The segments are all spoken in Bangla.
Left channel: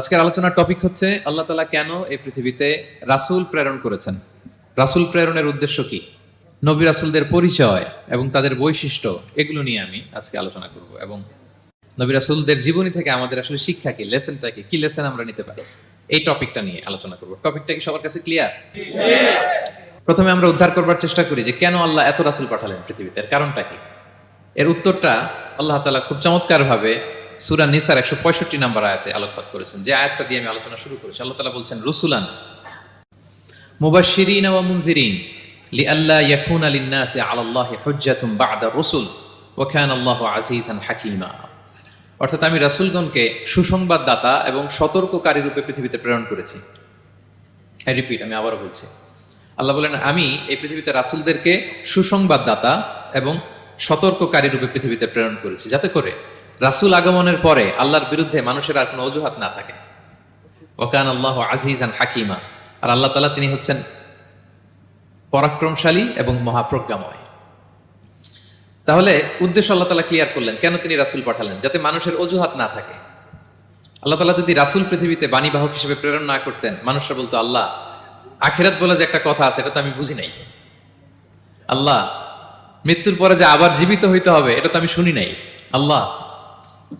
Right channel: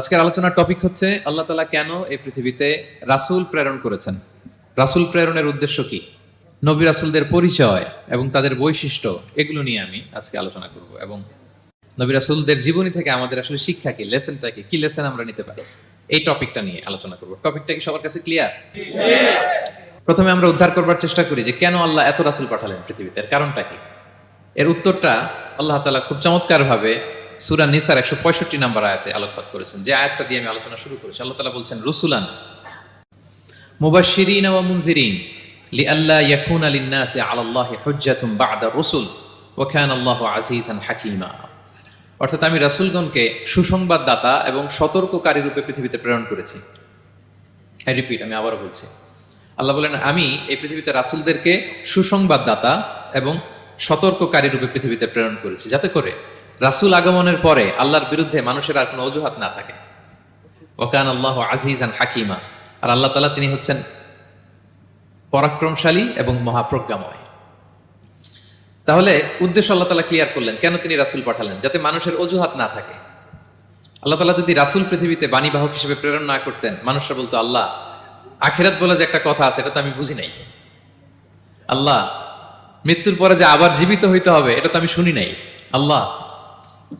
আজকের আলোচনার টপিক হচ্ছে আল্লাহ তাআলা কেন এই পৃথিবীতে রাসূল প্রেরণ করেছেন, রাসূল প্রেরণের উদ্দেশ্য কি, নবী রাসূলদের পরিচয় এবং তাদের বৈশিষ্ট্য, এগুলো নিয়ে আমি আজকে আলোচনা করব এবং নবী রাসূলদের জীবনী থেকে আমাদের আসলে শিক্ষা কি, লেসনটা কি, কি লেসন আমরা নিতে পারি, এই টপিকটা নিয়ে আলোচনা করব। টপিকটা কি সবার কাছে ক্লিয়ার? প্রথমে আমরা উদ্ধার করবার চেষ্টা করি যে কেন আল্লাহ এত রাসূল পাঠালেন পৃথিবীতে, এর কারণটা কি। এর উত্তরটা আল্লাহ তাআলা খুব চমৎকার ভাবে সূরা নিসার 165 নম্বর আয়াতে আলোকপাত করেছেন, যে আয়াতটা দিয়ে আমি আলোচনা শুরু করেছি। আল্লাহ তাআলা বলছেন, রুসুলান মুবাশশিরিন ওয়া মুনজিরিন লিআল্লা ইয়াকুনা লিন-নাসি আলাল্লাহি হুজ্জাতুন বা'দা রুসুল ওয়া কানা আল্লাহু আজিজান হাকীমা। অর্থাৎ আমি রাসূলগণকে সুসংবাদদাতা এবং সতর্ককারী রূপে পৃথিবীতে প্রেরণ করেছি। আই রিপিট, আমি আবারও বলছি, আল্লাহ বলেন আমি এই পৃথিবীতে রাসূলদেরকে সুসংবাদদাতা এবং সতর্ককারী রূপে পৃথিবীতে প্রেরণ করেছি, যাতে করে রাসূল আগমনের পরে আল্লাহর বিরুদ্ধে মানুষের আর কোনো অজুহাত না থাকে। ওয়া কানা আল্লাহু আজিজান হাকীমা, আর আল্লাহ তাআলা তিনি হচ্ছেন পরাক্রমশালী এবং মহাপ্রজ্ঞাময়। তাহলে উদ্দেশ্য আল্লাহ তাআলা ক্লিয়ার করলেন, কেন তিনি রাসূল পাঠালেন, যাতে মানুষের অজুহাত না থাকে। আল্লাহ তাআলা যদি রাসূল পৃথিবীতে বাণীবাহক হিসেবে প্রেরণ না করতেন, মানুষরা বলতো আল্লাহ আখিরাত বলে যে একটা কথা আছে, এটা তো আমি বুঝি নাই। আল্লাহ মৃত্যুর পরে যে আবার জীবিত হইতে হবে, এটা তো আমি শুনি নাই। আল্লাহ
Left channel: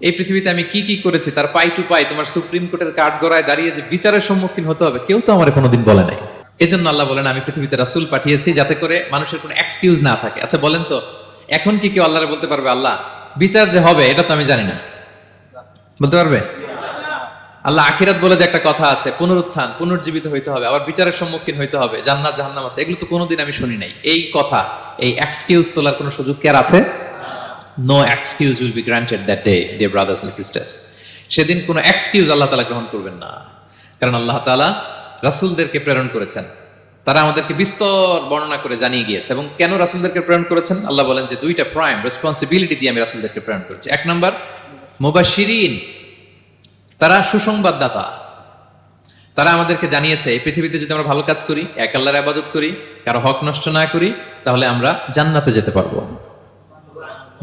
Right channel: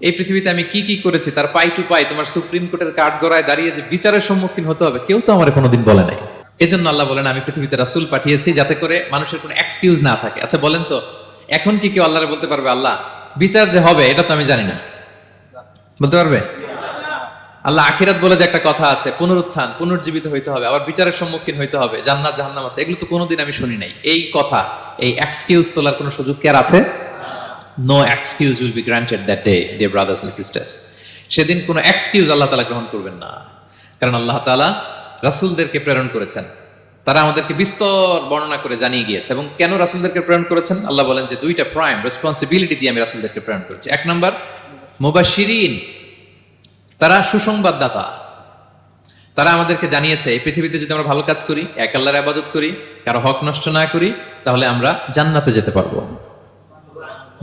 এই পৃথিবীতে আমি কি কি করেছি তার পাই টু পাই তোমার সুপ্রিম কোর্টের কাঠগড়ায় দাঁড়িয়ে যে বিচারের সম্মুখীন হতে হবে, কেউ তো আমার কোনোদিন বলে নাই। এজন্য আল্লাহ বলেন আমি পৃথিবীতে রাসূল পাঠিয়েছি, যাতে করে মানুষের কোনো এক্সকিউজ না থাকে। আচ্ছা বলেন তো, এখন কি কেউ আল্লাহরে বলতে পারবে আল্লাহ বিচার যে হবে এটা তো আমি জানি না? বলতে পারবে? আল্লাহ আখিরাত বলে যে একটা কথা আছে, পুনরুত্থান, পুনর্জীবিত হইতে হবে, আবার বিচারের সম্মুখীন হইতে হবে, জান্নাত জাহান্নাম আছে, এগুলো তো কোনোদিন আমি শুনি নাই। এই কথা, এই এক্সকিউজ তোলার কোনো সুযোগ কি আর আছে? No excuse will be granted that day, dear brothers and sisters. সেদিন কোনো এক্সকিউজ আল্লাহ তাআলা গ্রহণ করবেন না, কারণ আল্লাহ তাআলা রাসূলদেরকে প্রেরণ করেছেন। তারা আমাদেরকে বিস্তর বর্ণনা করে জানিয়ে গিয়েছে। এবং কেন রাসূলদেরকে প্রেরণ করেছেন, আল্লাহ বলেন যে দুইটা প্রাইম রেসপন্সিবিলিটি দিয়ে আমি রাসূলদেরকে প্রেরণ করেছি। এক নাম্বার মুবাশশিরিন, তারা সুসংবাদদাতা। তারা আমাদেরকে জানিয়েছে এই পৃথিবীতে যদি আমরা ভালো কাজ করি, এক আল্লাহর ইবাদত করি, কারো হক নষ্ট না করি, তাহলে আমরা জান্নাতে যেতে পারবো।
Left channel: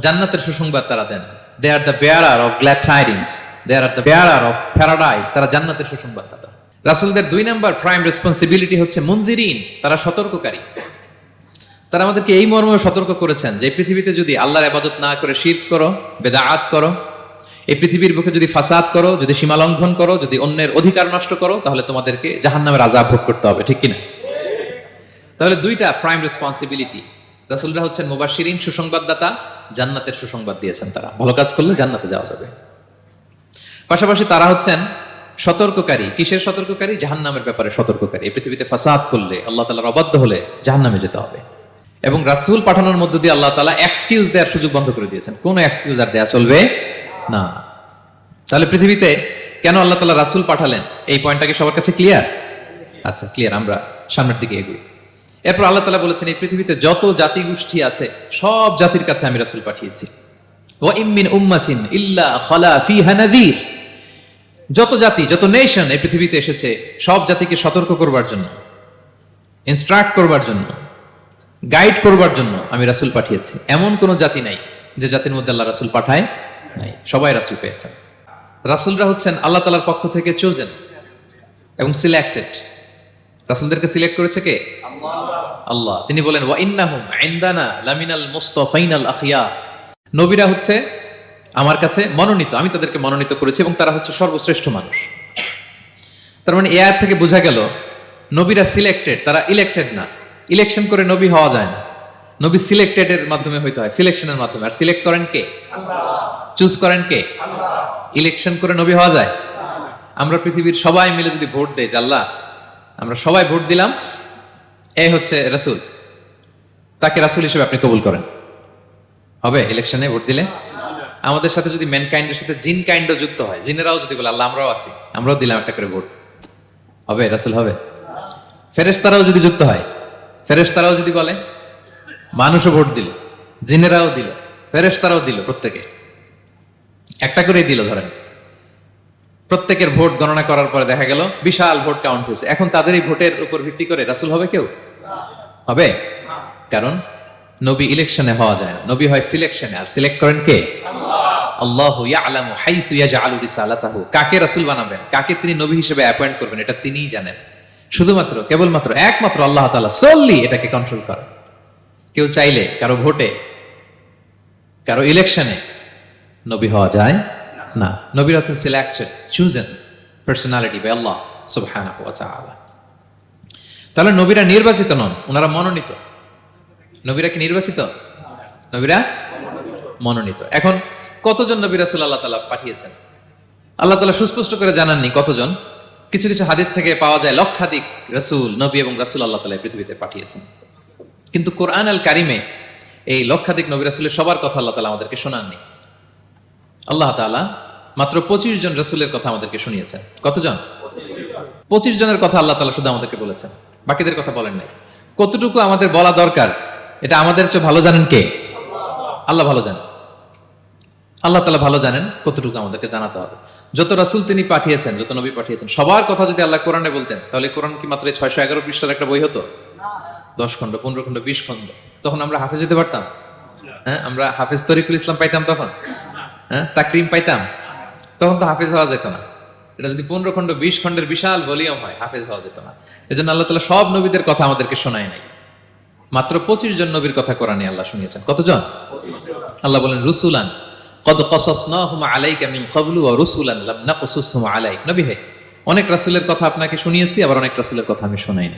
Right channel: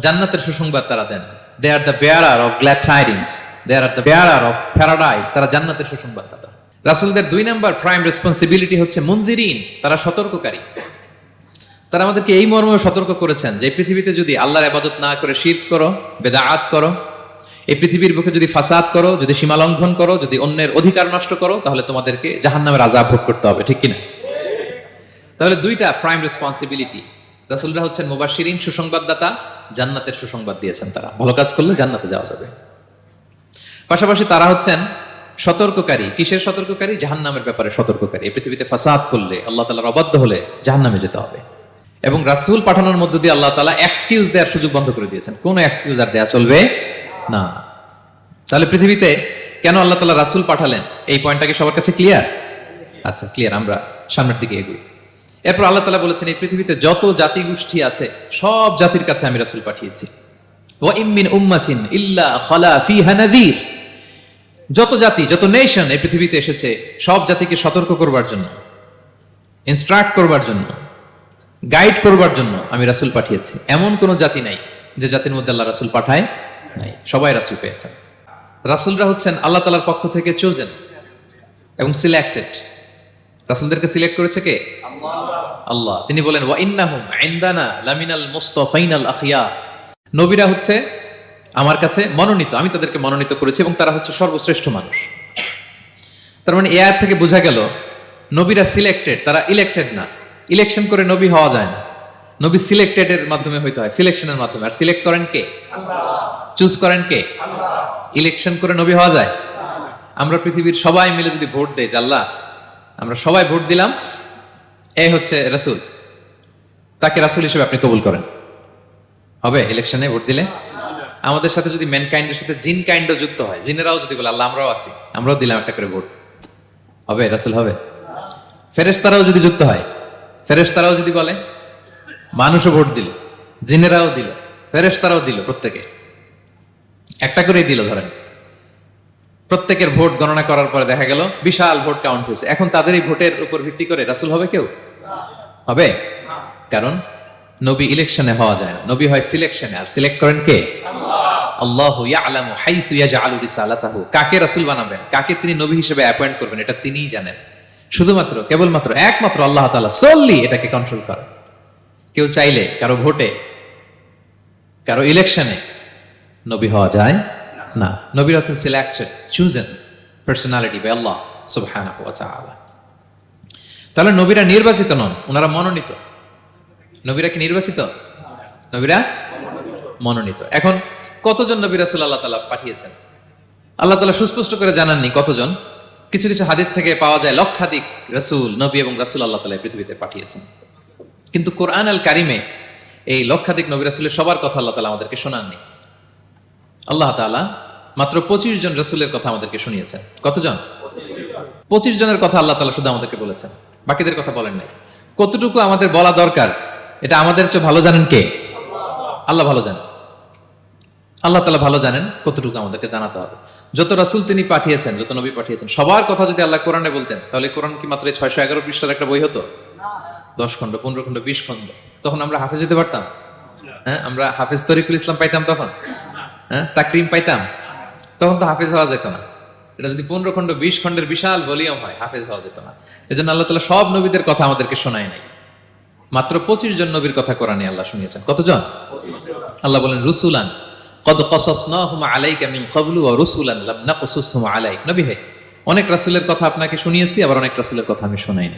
জান্নাতের সুসংবাদ তারা দেন। They are the bearer of glad tidings, they are the bearer of paradise. তারা জান্নাতের সুসংবাদদাতা। রাসূলদের দুই নাম্বার প্রাইম রেসপন্সিবিলিটি হচ্ছে মুনজিরিন, তারা সতর্ককারী। তারা আমাদেরকে এই মর্মে সতর্ক করেছেন যে পৃথিবীতে যদি আল্লাহর ইবাদত না করে শিরক করো, বিদআত করো, এই পৃথিবীর বুকে যদি ফাসাদ করো, যদি সীমা লঙ্ঘন করো, যদি অন্যের অধিকার নষ্ট করো, তাহলে তোমাদেরকে জাহান্নামের আযাব ভোগ করতে হবে। ঠিক কি? তাহলে দুইটা প্রাইম রেসপন্সিবিলিটি। রাসূলরা হচ্ছেন মুবাশশিরিন, সুসংবাদদাতা, জান্নাতের সুসংবাদ দিয়েছেন। তারা ভালো কাজ করলে জান্নাতে যাওয়া যাবে। পাশাপাশি তারা হচ্ছেন সতর্ককারী। কিসের সতর্ককারী? জাহান্নামের ব্যাপারে সতর্ককারী। এই পৃথিবীতে ফাসাদ করলে, আল্লাহ তাআলার অবাধ্য হলে জাহান্নামে যেতে হবে। এবং রাসূল পাঠানোর মধ্য দিয়ে আল্লাহ তাআলা এক্সকিউজ দেওয়ার সুযোগ বন্ধ করে দিয়েছেন। কোনো এক্সকিউজ আর দেওয়া চলবে না। তাহলে পৃথিবীতে কেন আল্লাহ তাআলা রাসূল পাঠালেন, এই পয়েন্টটা কি সবার কাছে ক্লিয়ার? আচ্ছা, ক্লিয়ার। আমরা সামনের দিকে এগোই। এরপর আল্লাহ তাআলা বলেছেন এই পৃথিবীতে যত জাতি গোষ্ঠী আছে, সব জাতির কাছে আমি রাসূল পাঠিয়েছি। ওয়া ইম মিন উম্মাতিন ইল্লা খালা ফিহা নাযীর। যত জাতি, যত নেশন এই পৃথিবীতে এসেছে, সব জাতিকে সতর্ক করবার জন্য, ইনস্ট্রাক্ট করবার জন্য, গাইড করবার জন্য আমি রাসূল পাঠিয়েছি। এমন কোন জাতি নাই যে জাতির মধ্যে আল্লাহ রাসূল পাঠায় নাই, সবাই রাসূল পেয়েছে। রাসূলরা হচ্ছেন আল্লাহ তাআলার পক্ষ থেকে চোজেন এবং সিলেক্টেড। রাসূলদেরকে সিলেক্ট করেছে কে? আল্লাহ। তিনি বলেন ওয়া ইন্নাহুম ইনদানা লামিনাল মুস্তাফাইনাল আখিয়ার। নবীরা হচ্ছে আমার কাছে মনোনীত, আমি তাদেরকে মনোনীত করেছি এবং তারা হচ্ছে সর্বশ্রেষ্ঠ মানুষ। তার মানে এই আয়াত থেকে বোঝা গেল নবীরা সিলেক্টেড, তারা ইলেক্টেড না। ইলেকশন করে নবী হওয়া যায় না, নবী সিলেক্টেড এর মাধ্যমে হইতে হয়, সিলেকশনের মাধ্যমে। আর সিলেক্ট করেন কে? আল্লাহ। চুজ করেন কে? আল্লাহ। ইলেকশন করে নবী হওয়া যায়? আমরা পৃথিবীর সবাই মিলে যদি ভোট দেই, আল্লাহ আমরা সবাই ভোট দিলাম, এই হচ্ছে রাসূল, তাকে রাসূল হিসেবে আপনি কবুল করেন, হবে? ইলেকশনে ভোট দিলে আমাদের সাথে যদি ম্যানকাইন্ডের সাথে জিন কাইন্ডও যুক্ত হয়, জিনেরাও যদি বলে আল্লাহ আমরাও আছি, আমরাও দিলাম একটা করে ভোট, হবে? রাসূল হবে? ফেরেশতারাও যদি যুক্ত হয়, ফেরেশতারাও যদি বলে, মানুষও ভোট দিল, জিনেরাও দিল, ফেরেশতারাও দিল, প্রত্যেকে একটা করেই দিল, ধরেন প্রত্যেকের ভোট গণনা করার পরে দেখা গেল বিশাল ভোট কাউন্ট হয়েছে। এখন তাদের এই ভোটের উপর ভিত্তি করে রাসূল হবে কেউ? হবে? কারণ নবী ইলেকশনে হওয়া যায় না, নবী হয় সিলেকশনে। আর সিলেক্ট করেন কে? আল্লাহ। আল্লাহু ইয়ালামু হাইসু ইয়াজআলু রিসালাতাহু, কাকে রাসূল বানাবেন, কাকে তিনি নবী হিসেবে অ্যাপয়েন্ট করবেন, এটা তিনিই জানেন। শুধুমাত্র কেবলমাত্র একমাত্র আল্লাহ তাআলা solely এটাকে কন্ট্রোল করেন। কেউ চাইলে কারো ভোটে, কারো ইলেকশনে নবী হওয়া যায় না। নবীরা হচ্ছেন সিলেক্টেড, চুজেন পার্সোনালিটি বাই আল্লাহ সুবহানাহু ওয়া তাআলা। তাহলে নবীরা নির্বাচিত নন, ওনারা মনোনীত। নবীরা কি নির্বাচিত? নবীরা মনোনীত। এখন কতজন নবী রাসূল আল্লাহ তাআলা পাঠিয়েছেন? আল্লাহ তাআলা সুস্পষ্ট করে জানাননি কতজন। কিছু কিছু হাদিস থেকে পাওয়া যায় লক্ষাধিক রাসূল, নবী এবং রাসূল আল্লাহ তাআলা পৃথিবীতে পাঠিয়েছেন। কিন্তু কোরআন আল কারিমে এই লক্ষাধিক নবী রাসূলের সবার কথা আল্লাহ তাআলা আমাদেরকে শোনাননি। আল্লাহ তাআলা মাত্র 25 জন রাসূলের কথা আমাদেরকে শুনিয়েছেন। কতজন? 25 জনের কথা আল্লাহ তাআলা শুধু আমাদেরকে বলেছেন, বাকিদের কথা বলেন না। কতটুকু আমাদের বলা দরকার এটা আমাদের চেয়ে ভালো জানেন কে? আল্লাহ ভালো জানেন। আল্লাহ তাআলা ভালো জানেন কতটুকু আমাদেরকে জানাতে হবে। যত রাসূল তিনি পাঠিয়েছেন, যত নবী পাঠিয়েছেন, সবার কথা যদি আল্লাহ কোরআনে বলতেন, তাহলে কোরআন কি মাত্র 611 পৃষ্ঠার একটা বই হতো? 10 খণ্ড, 15 খণ্ড, 20 খণ্ড। তখন আমরা হাফেজ হতে পারতাম? হ্যাঁ, আমরা হাফেজ তরিকুল ইসলাম পাইতাম তখন? হ্যাঁ, তাকরিম পাইতাম? তখন তো হাফেজ হওয়া যেত না। এটা যদি 15 খণ্ড 20 খণ্ডের বিশাল ভলিউম হয়, হাফেজ হওয়া যেত না। এজন্য আল্লাহ তাআলা সব নবীদের কথা আমাদেরকে শোনায় নাই, মাত্র 25 জন নবীর কথা কোরআনে আল্লাহ শুনিয়েছেন। কতজন? আল্লাহ বলেন রুসুলান কদ কাসাসনাহুম আলাইকা মিন ক্বাবলু ওয়া রুসুলান লাম নাকসাসহুম আলাইক। নবী হে, অনেক রাসূলের কথা আপনাকে শুনিয়েছি, আবার অনেক রাসূলের কথা আমি শোনাইনি।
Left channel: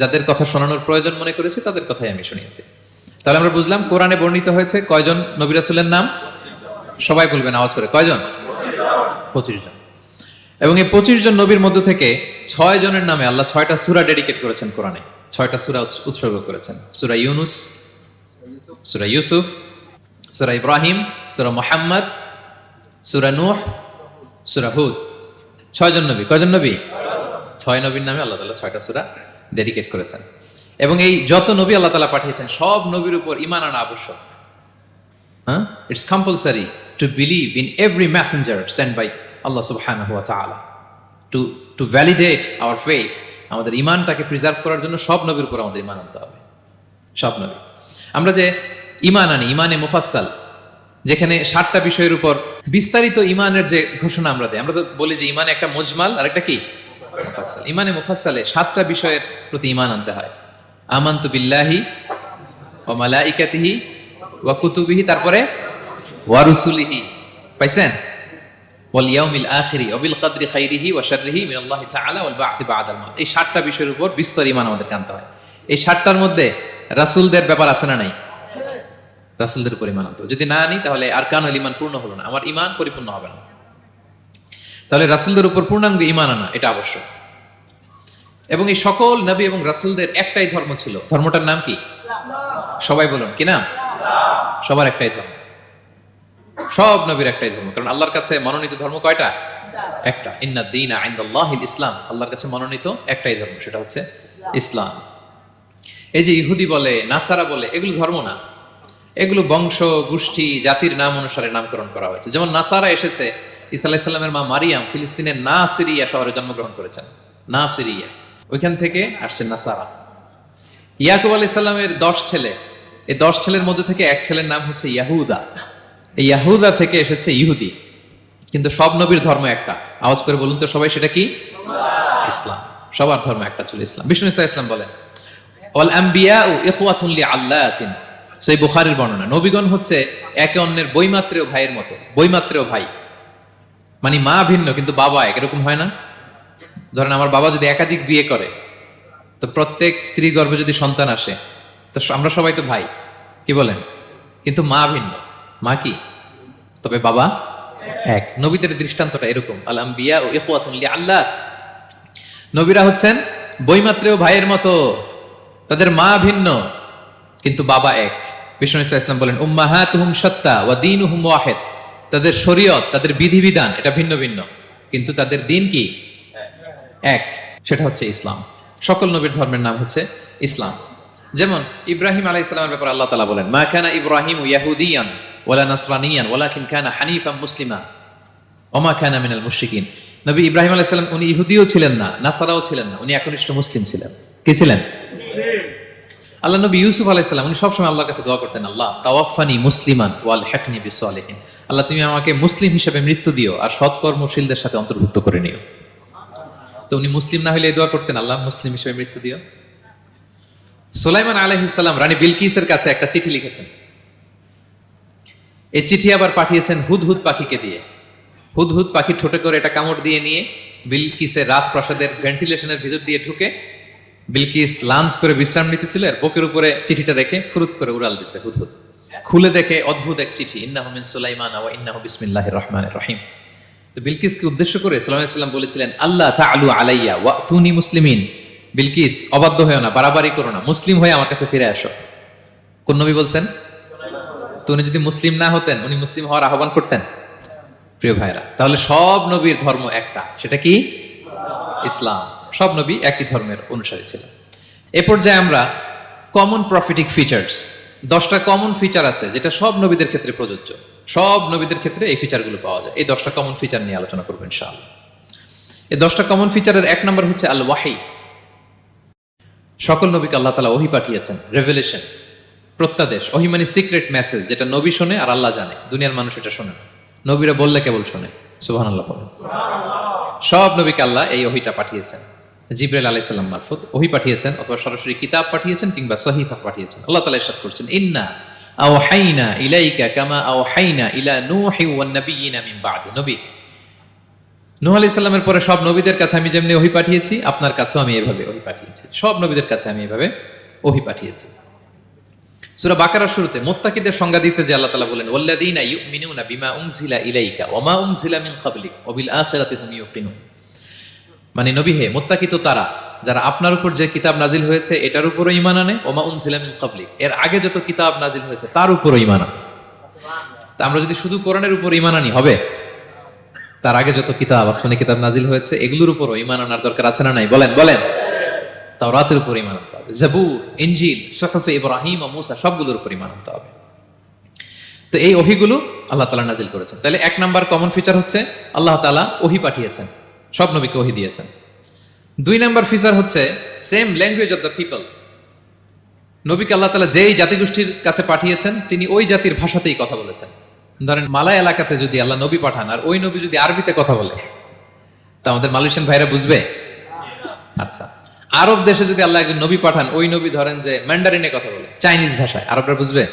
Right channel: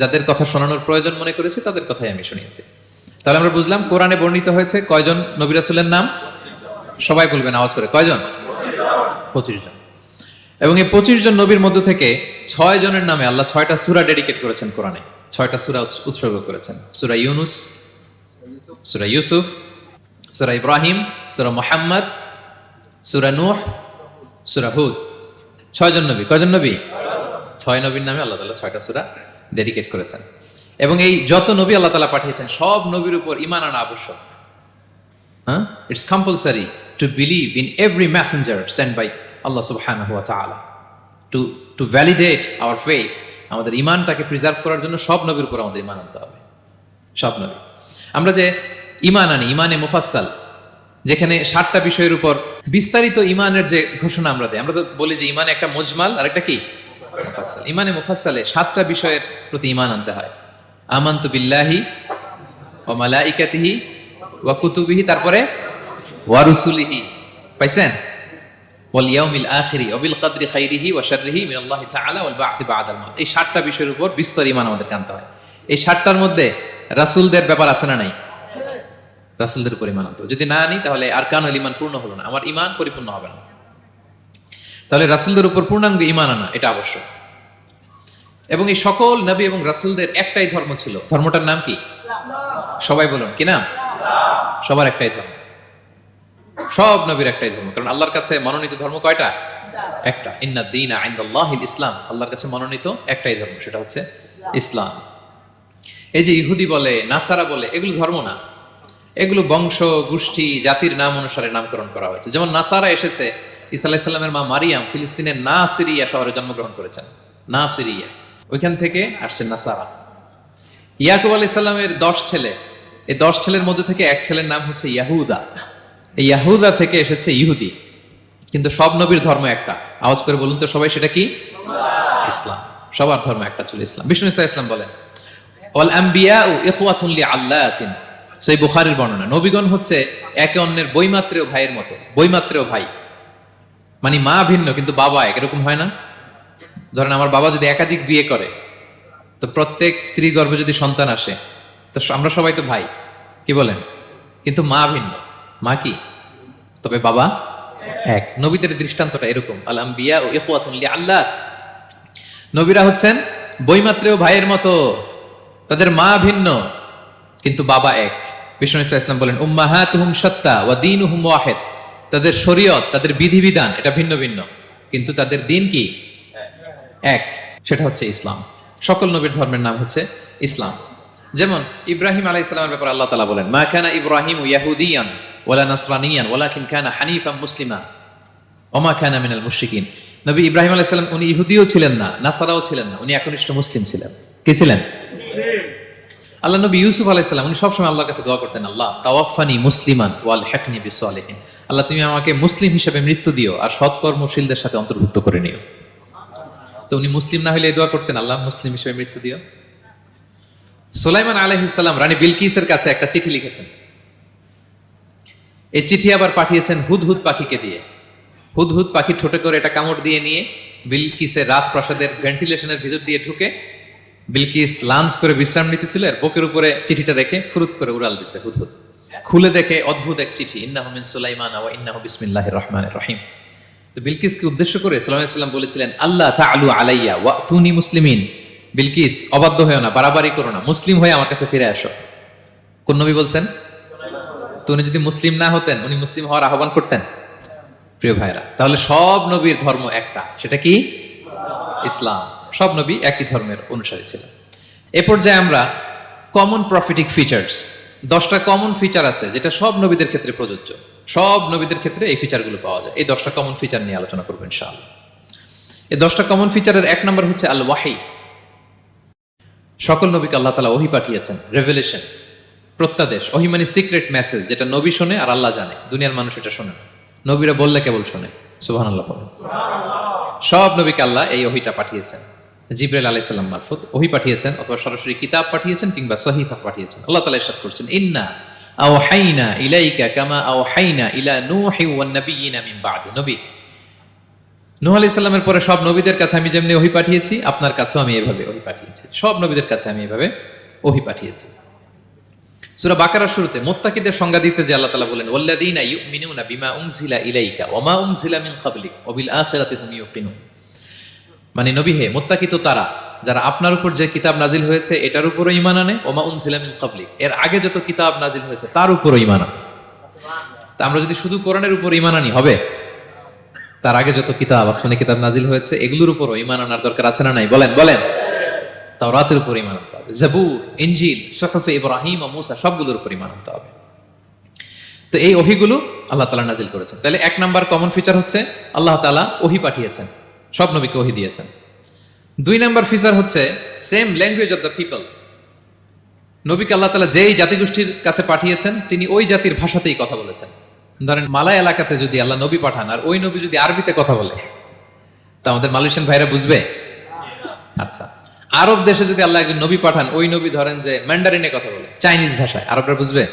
যাদের কথা শোনানোর প্রয়োজন মনে করেছি তাদের কথাই আমি শুনিয়েছি। তাহলে আমরা বুঝলাম কোরআনে বর্ণিত হয়েছে কয়জন নবী রাসূলের নাম? সবাই বলবেন আওয়াজ করে, কয়জন? 25 জন। এবং এই 25 জন নবীর মধ্যে থেকে 6 জনের নামে আল্লাহ 6টা সূরা ডেডিকেট করেছেন কোরআনে। 6টা সূরা উৎসর্গ করেছেন। সূরা ইউনূস, সূরা ইউসুফ, সূরা ইব্রাহিম, সূরা মুহাম্মদ, সূরা নূহ, সূরা হুদ। 6 জন নবী। কয়জন নবী? 6 নবীর নামে আল্লাহ তাআলা 6টা সূরা ডেডিকেট করেছেন। এবং এই যত নবী আল্লাহ তাআলা পাঠিয়েছেন, সব নবীর উপর ঈমান আনা আবশ্যক। হ্যাঁ, it's compulsory to believe in every messenger sent by আল্লাহ সুবহানাহু ওয়া তাআলা। টু ভ্যালিডেট আওয়ার ফেথ, আমাদের ঈমানটাকে প্রিজার্ভ করার জন্য সব নবীর উপর আমাদের ঈমান আনতে হবে। সব নবী। আমরা যে ঈমান আনি, ঈমানে মুফাসসাল, যেখানে 7টা বিষয়ের উপর বিস্তারিত ঈমানের যে ঘোষণা আমরা দেই, আমরা তো বলি যে ঈমান একটা মুজমাল আর একটা কি মুফাসসাল। ঈমানে মুফাসসালে 7টা বিষয়ের প্রতি ঈমান আনতে হয়। আমানতু বিল্লাহি ওয়া মালাইকাতিহি ওয়া কুতুবিহি, তারপরে ওয়া রুসুলিহি। পাইছেন? ওয়াল ইয়াউমিল আখিরি ওয়া বিল কদরি খাইরিহি ওয়া শাররিহি মিনাল্লাহি তাআলা ওয়াল বা'সি বা'দাল মাউত। এই 7টা বিষয়ের উপর বিস্তর ঈমান আমাদের আনতে হয়। এই 7টার মধ্যে রাসূলদের ব্যাপার আছে না নাই? রাসূলদের উপর ঈমান আনতে হবে। যদি না আনি তাহলে আরকানুল ঈমান পূর্ণ হলো না, আমার ঈমান পরিপূর্ণ হবে না। তাহলে রাসূলদের উপর পূর্ণাঙ্গ ঈমান আনা এটা আবশ্যক। এবং এই সকল নবী এবং রাসূলদের একটাই ধর্ম ছিল। ধর্মটার নাম কি? সবাই বলুন, কি নাম? সবার একটাই ধর্ম। সব নবীর একটাই ধর্ম। কারণ আল্লাহর কাছে মনোনীত ধর্ম কয়টা? একটা। ইন্নাদ দীনা ইনদাল্লাহিল ইসলাম। আল্লাহর কাছে মনোনীত একটাই ধর্ম, সেটা হচ্ছে ইসলাম। এই যে ইহুদি বলে, নাসারা বলে, এগুলো ধর্ম না। এগুলো বংশ, গোষ্ঠী, জাতির নাম অনুসারে নামকরণ করা হয়েছে। যেমন নাসারা এসেছে, ঈসা আলাইহিস সালামের মা মারিয়াম ফিলিস্তিনের নাসিরিয়া শহরে জন্মগ্রহণ করেছেন। নাসিরিয়া, ওইখান থেকে আসছে নাসারা। ইয়াকুব আলাইহিস সালামের 10 ছেলে, এই 10 ছেলের মধ্যে থেকে এক ছেলের নাম হচ্ছে ইয়াহুদা। এই ইয়াহুদা থেকে এসেছে ইহুদি। কিন্তু সব নবীর ধর্ম একটা। আওয়াজ করে বলুন তো সবাই, সেটা কি? ইসলাম। সবার ধর্ম একটা ছিল ইসলাম। বিষ্ণু ইসলাম বলেন ওয়াল আম্বিয়াউ ইখওয়াতুন লিআল্লাতিন। সেই বুখারীর বর্ণনা, নবীগণ হচ্ছে একে অন্যের বৈমাত্রেয় ভাইয়ের মতো। বৈমাত্রেয় ভাই মানে মা ভিন্ন কিন্তু বাবা এক, এরকম হয় না? ধরেন আমার বাবা যদি একাধিক বিয়ে করে, তো প্রত্যেক স্ত্রী গর্ভে যদি সন্তান আসে, তো আমরা সবাই তো ভাই, কি বলেন? কিন্তু মা ভিন্ন। মা কি? তবে বাবা এক। নবীদের দৃষ্টান্তটা এরকম, আল আম্বিয়া ও ইখওয়াতুন লিআল্লাত। নবীরা হচ্ছেন বৈমাত্রেয় ভাইয়ের মতো, তাদের মা ভিন্ন কিন্তু বাবা এক। বিষ্ণু ইসলাম বলেন উম্মাহাতুহুম শাত্তা ওয়া দীনুহুম ওয়াহিদ। তাদের শরীয়ত, তাদের বিধিবিধান এটা ভিন্ন ভিন্ন, কিন্তু তাদের দিন কি? এক, সেটা হচ্ছে ইসলাম। সকল নবীর ধর্মের নাম হচ্ছে ইসলাম। যেমন ইব্রাহিম আলাইহিস সালামের ব্যাপারে আল্লাহ তাআলা বলেন মা কানা ইব্রাহিমু ইয়াহুদিয়ান ওয়ালা নাসরানিয়ান ওয়ালাকিন কানা হানিফাম মুসলিমা ওয়া মা কানা মিনাল মুশরিকিন। নবী ইব্রাহিম আলাইহিস সালাম উনি ইহুদিও ছিলেন না, নাসারাও ছিলেন না, উনি একনিষ্ঠ মুসলিম ছিলেন। কি ছিলেন? আল্লাহ নবী ইউসুফ আলাইহিস সালাম উনি সবসময় আল্লাহর কাছে দোয়া করতেন, আল্লাহ তাওয়াফানি মুসলিমান ওয়াল হিকনি বিসসালিহিন, আল্লাহ তুমি আমাকে মুসলিম হিসেবে মৃত্যু দিও আর সৎকর্মশীলদের সাথে অন্তর্ভুক্ত করে নিও। তো উনি মুসলিম না হলে এই দোয়া করতেন, আল্লাহ মুসলিম হিসেবে মৃত্যু দিও। সুলাইমান আলাইহিস সালাম রানী বিলকিসের কাছে একটা চিঠি লিখেছেন। এই চিঠি আবার পাঠিয়েছেন হুদহুদ পাখিকে দিয়ে। হুদহুদ পাখি ঠোঁটে করে এটা কামড় দিয়ে নিয়ে বিলকিসের রাজপ্রাসাদের ভেন্টিলেশনের ভিতর দিয়ে ঢুকে বিলকিস লাঞ্চ করে বিশ্রাম নিতেছিল, এর বুকের উপরে চিঠিটা রেখে ফুরুত করে উড়াল দিছে হুদহুদ। খুলে দেখে অদ্ভুত এক চিঠি, ইন্নাহু মিন সুলাইমান ওয়া ইন্নাহু বিসমিল্লাহির রহমানির রহিম। তো বিলকিসকে উদ্দেশ্য করে সুলাইমান আলাইহিস সালাম বলেছিলেন, আল্লাহ তাআলু আলাইয়া ওয়া তুনি মুসলিমিন, বিলকিস অবাধ্য হয়েও না, বাড়াবাড়ি করো না, মুসলিম হয়ে আমার কাছে ফিরে আসো। কোন নবী বলছেন? তো উনি যদি মুসলিম না হতেন, উনি মুসলিম হওয়ার আহ্বান করতেন? প্রিয় ভাইরা, তাহলে সব নবীর ধর্ম একটা, সেটা কি? ইসলাম। সব নবী একই ধর্মের অনুসারী ছিলেন। এ পর্যায়ে আমরা কমন প্রফিটিক ফিচার্স, 10টা কমন ফিচার আছে যেটা সব নবীদের ক্ষেত্রে প্রযোজ্য। সব নবীদের ক্ষেত্রে এই ফিচারগুলো পাওয়া যায়। এই 10টা কমন ফিচার নিয়ে আলোচনা করবো ইনশাআল্লাহ। এই 10টা কমন ফিচারের 1 নম্বর হচ্ছে আল ওয়াহি। সকল নবীকে আল্লাহ তাআলা ওহী পাঠিয়েছেন, রেভেলেশন, প্রত্যাদেশ। ওহী মানে সিক্রেট মেসেজ, যেটা নবী শোনে আর আল্লাহ জানে, দুনিয়ার মানুষ এটা শোনে, নবীরা বললে কেবল শোনে। সুবহানাল্লাহ। সব নবীকে আল্লাহ এই ওহীটা পাঠিয়েছেন। জিবরাইল আলাইহিস সালাম মারফত ওহী পাঠিয়েছেন, অথবা সরাসরি কিতাব পাঠিয়েছেন, কিংবা সহিফা পাঠিয়েছেন। আল্লাহ তাআলা ইরশাদ করছেন, ইন্না আওহাইনা ইলাইকা কামা আওহাইনা ইলা নূহি ওয়ান নাবিয়িনা মিন বা'দি। নবী নূহ আলাইহিস সালামের পরে সব নবীদের কাছে আমি যেমনি ওহী পাঠিয়েছি, আপনার কাছেও আমি এভাবে ওহী পাঠিয়েছি। সব নবীদের কাছে আমি এভাবে ওহী পাঠিয়েছি। সূরা বাকারার শুরুতে মুত্তাকিদের সংজ্ঞা দিতে যে আল্লাহ তাআলা বলেন, ওয়াল্লাযীনা ইউমিনুনা বিমা উনজিলা ইলাইকা ওয়া মা উনজিলা মিন ক্বাবলিক ওয়া বিল আখিরাতি হুম ইউকিনুন। মানে নবী হে, মুত্তাকি তো তারা যারা আপনার উপর যে কিতাব নাজিল হয়েছে এটার উপরও ঈমান আনে, ওয়া মা উনজিলা মিন ক্বাবলিক, এর আগে যত কিতাব নাজিল হয়েছে তার উপরও ঈমান আনে। তা আমরা যদি শুধু কোরআনের উপর ঈমান আনি হবে? তার আগে যত কিতাব, আসমানি কিতাব নাজিল হয়েছে এগুলোর উপরও ঈমান আনার দরকার আছে না নাই? বলেন বলেন। তাওরাতের উপর ঈমান আনতে হবে, জাবুর, ইনজিল, সুহুফ ইব্রাহিম ও মূসা, সবগুলোর উপর ঈমান আনতে হবে। তো এই ওহীগুলো আল্লাহ তাআলা নাজিল করেছেন। তাহলে 1 নাম্বার কমন ফিচার হচ্ছে আল্লাহ তাআলা ওহী পাঠিয়েছেন, সব নবীকে ওহী দিয়েছেন। 2 নাম্বার ফিচার হচ্ছে same language of the people. নবীকে আল্লাহ তাআলা যেই জাতিগোষ্ঠীর কাছে পাঠিয়েছেন তিনি ওই জাতির ভাষাতেই কথা বলেছেন। ধরেন মালয় এলাকাতে যদি আল্লাহ নবী পাঠান আর ওই নবী যদি আরবিতে কথা বলে, তা আমাদের মালয়েশিয়ান ভাইরা বুঝবে? আচ্ছা, আরব দেশে যদি আল্লাহ একজন নবী পাঠান, ওই নবী ধরেন যে ম্যান্ডারিনে কথা বলে, চাইনিজ ভাষায়, আরবরা বুঝবে?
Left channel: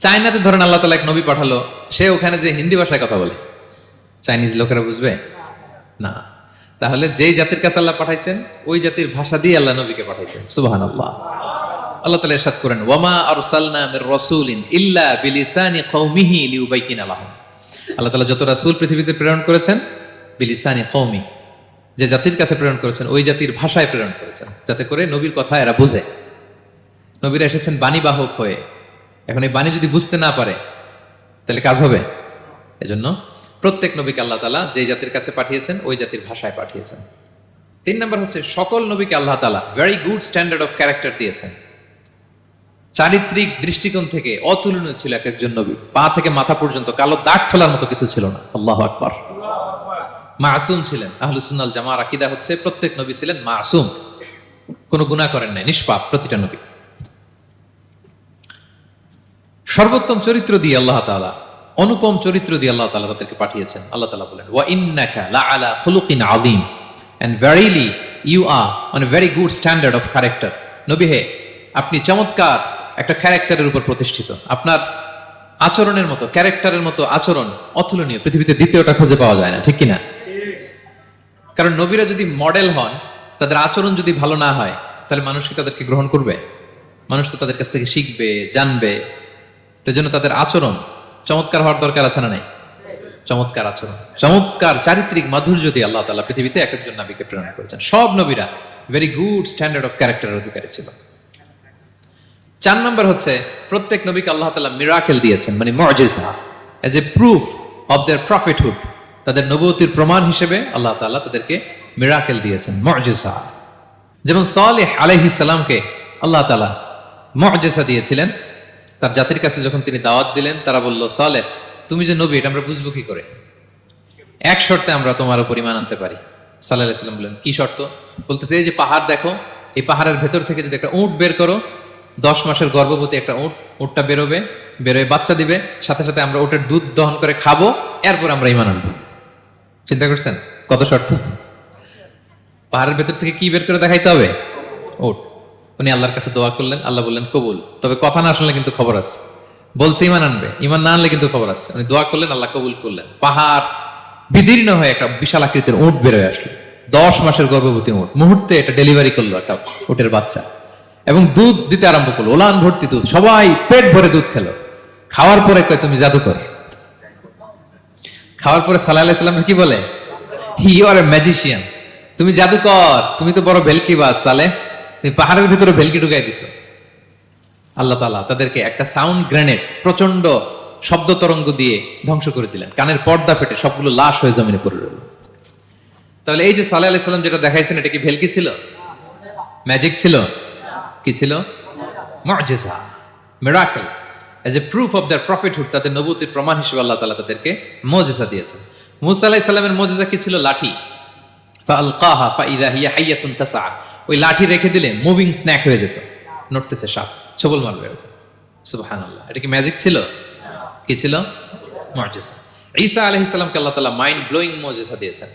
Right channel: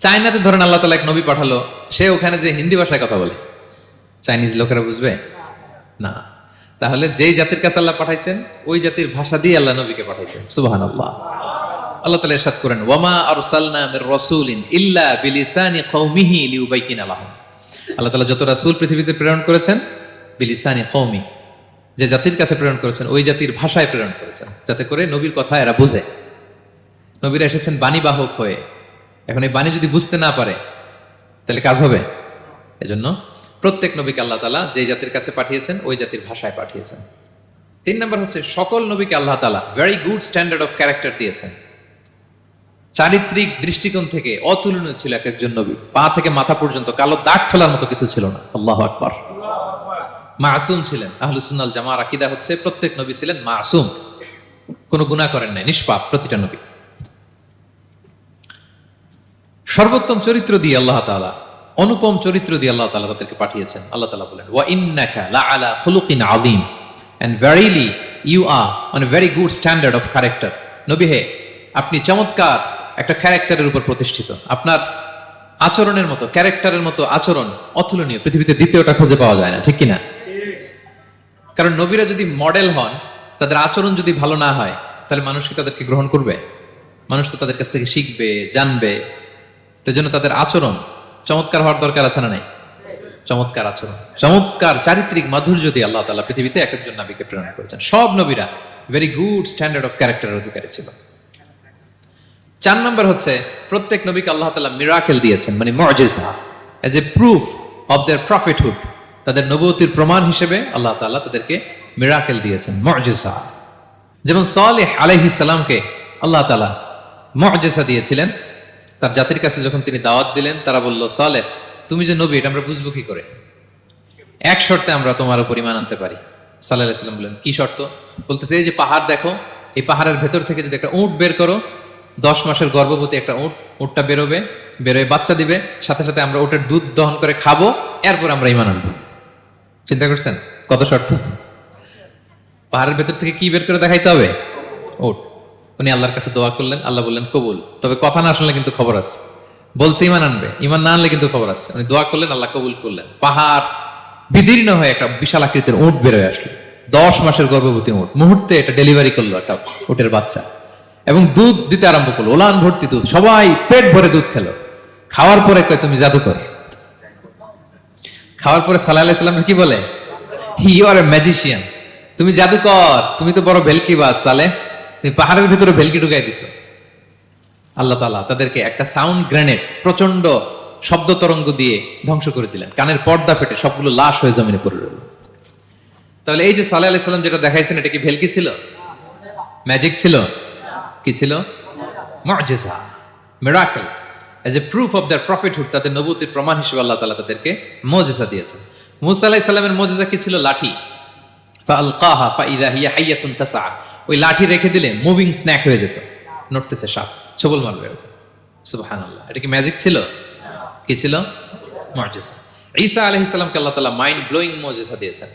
চায়নাতে ধরেন আল্লাহ তাআলা এক নবী পাঠালো, সে ওখানে যে হিন্দি ভাষায় কথা বলে, চাইনিজ লোকেরা বুঝবে না। তাহলে যেই জাতির কাছে আল্লাহ পাঠাইছেন ওই জাতির ভাষা দিয়ে আল্লাহ নবীকে পাঠাইছেন। সুবহানাল্লাহ। আল্লাহ তাআলা ইরশাদ করেন, ওয়ামা আরসালনা মির রাসূলিন ইল্লা বিলিসানি কওমিহি লিউবাইয়িনা লাহুম। আল্লাহ তাআলা যত রাসূল পৃথিবীতে প্রেরণ করেছেন, বিলিসানি কওমি, যে জাতির কাছে প্রেরণ করেছেন ওই জাতির ভাষায় প্রেরণ করেছেন, যাতে করে নবীর কথা এরা বুঝে। নবীরা এসেছেন বাণীবাহক হয়ে। এখন এই বাণী যদি বুঝতে না পারে তাহলে কাজ হবে? এজন্য প্রত্যেক নবীকে আল্লাহ তাআলা যে জাতির কাছে পাঠিয়েছেন ওই জাতির ভাষায় পাঠিয়েছেন। 3 নম্বর হচ্ছে সকল নবীকে আল্লাহ তাআলা very good standard of character দিয়েছেন। চারিত্রিক দৃষ্টিকোণ থেকে অতুলনীয় ছিল এক একজন নবী, পা থেকে মাথা পর্যন্ত কালো দাগ খোলার মতো কিছু ছিল না। আল্লাহু আকবার। মাসুম ছিল। আহলে সুন্নাত জামাতের আকীদা হচ্ছে প্রত্যেক নবী ছিলেন মাসুম, কোনো গুনাহ করেন না, নিষ্পাপ প্রতিটা নবী। সর্বোত্তম চরিত্র দিয়ে আল্লাহ তাআলা, অনুপম চরিত্র দিয়ে আল্লাহ তাআলা তাদেরকে পাঠিয়েছেন। আল্লাহ তাআলা বলেন, ওয়া ইন্নাকা লাআলা খুলুকিন আযীম, and verily you are on a very good standard of character. নবী হে, আপনি চমৎকার একটা ক্যারেক্টারের উপর প্রতিষ্ঠিত। আপনার আচরণের মতো, ক্যারেক্টারের মতো আচরণ অতুলনীয়, পৃথিবীতে দ্বিতীয়টা খুঁজে পাওয়া যায় না, ঠিক কিনা? কারণ নবীরা যদি মডেল হন, তাদের আচরণ যদি ভালো না হয়, তাহলে মানুষ কি তাদেরকে গ্রহণ করবে? মানুষ তো তাদের কাছ থেকে শিখবে, জানবে। তাই জন্য তাদের আচরণ চমৎকার হওয়ার দরকার আছে না নাই? চমৎকার আচরণ, চমৎকার চারিত্রিক মাধুর্য দিয়ে আল্লাহ তাআলা পৃথিবীতে এক একজন নবীকে প্রেরণ করেছেন। সব নবীরা ভেরি গুড স্ট্যান্ডার্ড অফ ক্যারেক্টারের অধিকারী ছিল। 4 নম্বর হচ্ছে প্রত্যেক নবীকে আল্লাহ তাআলা মিরাকেল দিয়েছেন, মানে মুজিজা, as a proof of their prophethood. তাদের নবুয়তির প্রমাণ হিসেবে আল্লাহ তাআলা তাদেরকে মিরাকেল দিয়েছেন, মুজিজা। যেমন সালেহ আলাইহিস সালামকে আল্লাহ তাআলা মুজিজা দিয়েছিলেন। তার জাতির কাছে যখন তিনি দাওয়াত দিলেন, তারা বলল, সালেহ তুমি যে নবী এটা আমরা বুঝবো কি করে? এক শর্তে আমরা তোমার উপর ঈমান আনতে পারি। সাল্লাল্লাহু আলাইহি ওয়াসাল্লাম বললেন, কি শর্ত? বলতেছে, এই যে পাহাড় দেখো, এই পাহাড়ের ভেতর থেকে যদি একটা উট বের করো, 10 মাসের গর্ভবতী একটা উট, উটটা বেরোবে, বেরোয় বাচ্চা দিবে, সাথে সাথে আমরা উটের দুধ দহন করে খাবো, এরপর আমরা ঈমান আনবো। চিন্তা করছেন কত শর্ত? পাহাড়ের ভেতর থেকে কি বের করে দেখাইতে হবে? উট। উনি আল্লাহর কাছে দোয়া করলেন, আল্লাহ বললেন কবুল। তবে কথা না শুনলে কিন্তু খবর আছে, বলছে ঈমান আনবে, ঈমান না আনলে কিন্তু খবর আছে। উনি দোয়া করলেন, আল্লাহ কবুল করলেন। পাহাড় বিদীর্ণ হয়ে একটা বিশাল আকৃতির উট বেরোয় আসলো, 10 মাসের গর্ভবতী উট। মুহূর্তে এটা ডেলিভারি করলো একটা উটের বাচ্চা, এবং দুধ দিতে আরম্ভ করলো, ওলান ভর্তি দুধ। সবাই পেট ভরে দুধ খেলো। খাওয়ার পরে কয় তুমি জাদুকর। খাওয়ার পরে সাল্লাল্লাহু আলাইহি ওয়াসাল্লাম কি বলে? ইউ আর এ ম্যাজিশিয়ান, তুমি জাদুকর, তুমি তো বড় ভেলকিবাজ সালে, তুমি পাহাড়ের ভিতরে ভেলকি ঢুকাই দিছো। আল্লাহ তাআলা তাদেরকে একটা সাউন্ড ধ্বনি ম্যাজিক ছিল, কি ছিল? মুজিজা, miracle. As a proof of their prophethood, তাদের নবুয়তের প্রমাণ হিসেবে আল্লাহ তাআলা তাদেরকে মুজিজা দিয়েছেন। মুসা আলাইহিস সালামের মুজিজা কি ছিল? লাঠি। ফাআলকাহা ফাইযা হিয়া হাইয়াতুন তাসআ, ওই লাঠি রেখে দিলে মুভিং স্ন্যাক হয়ে যেত, নড়তেছে সাপ, ছবল মারবে। সুবহানাল্লাহ, এটা কি ম্যাজিক ছিল? কি ছিল? মুজিজা। ঈসা আলাইহিস সালামকে আল্লাহ তাআলা মাইন্ড ব্লোয়িং মুজিজা দিয়েছেন।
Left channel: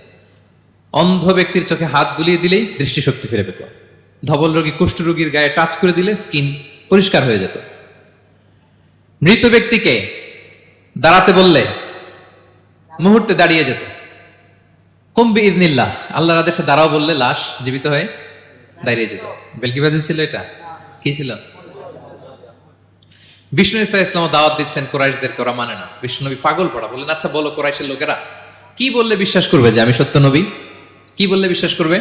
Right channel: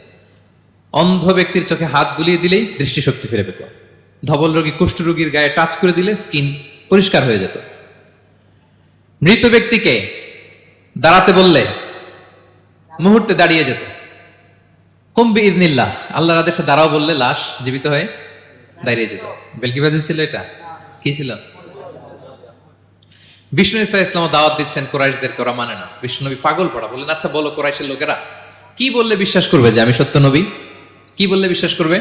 অন্ধ ব্যক্তির চোখে হাত বুলিয়ে দিলেই দৃষ্টিশক্তি ফিরে পেত। ধবল রোগী, কুষ্ঠ রোগীর গায়ে টাচ করে দিলে স্কিন পরিষ্কার হয়ে যেত। মৃত ব্যক্তিকে দাঁড়াতে বললে মুহূর্তে দাঁড়িয়ে যেত। কুম বিইযনিল্লাহ, আল্লাহর আদেশে দাঁড়াও বললে লাশ জীবিত হয়ে দাঁড়িয়ে যেত। বেলকিবাজি ছিল এটা? কি ছিল? বিষ্ণু ঈসা ইসলাম দাওয়াত দিচ্ছেন কুরাইশদেরকে, ওরা মানে না। বিষ্ণুনবী পাগল পড়া, বললেন আচ্ছা বলো কুরাইশের লোকেরা কি বললে বিশ্বাস করবে যে আমি সত্য নবী? কি বললে বিশ্বাস করবে?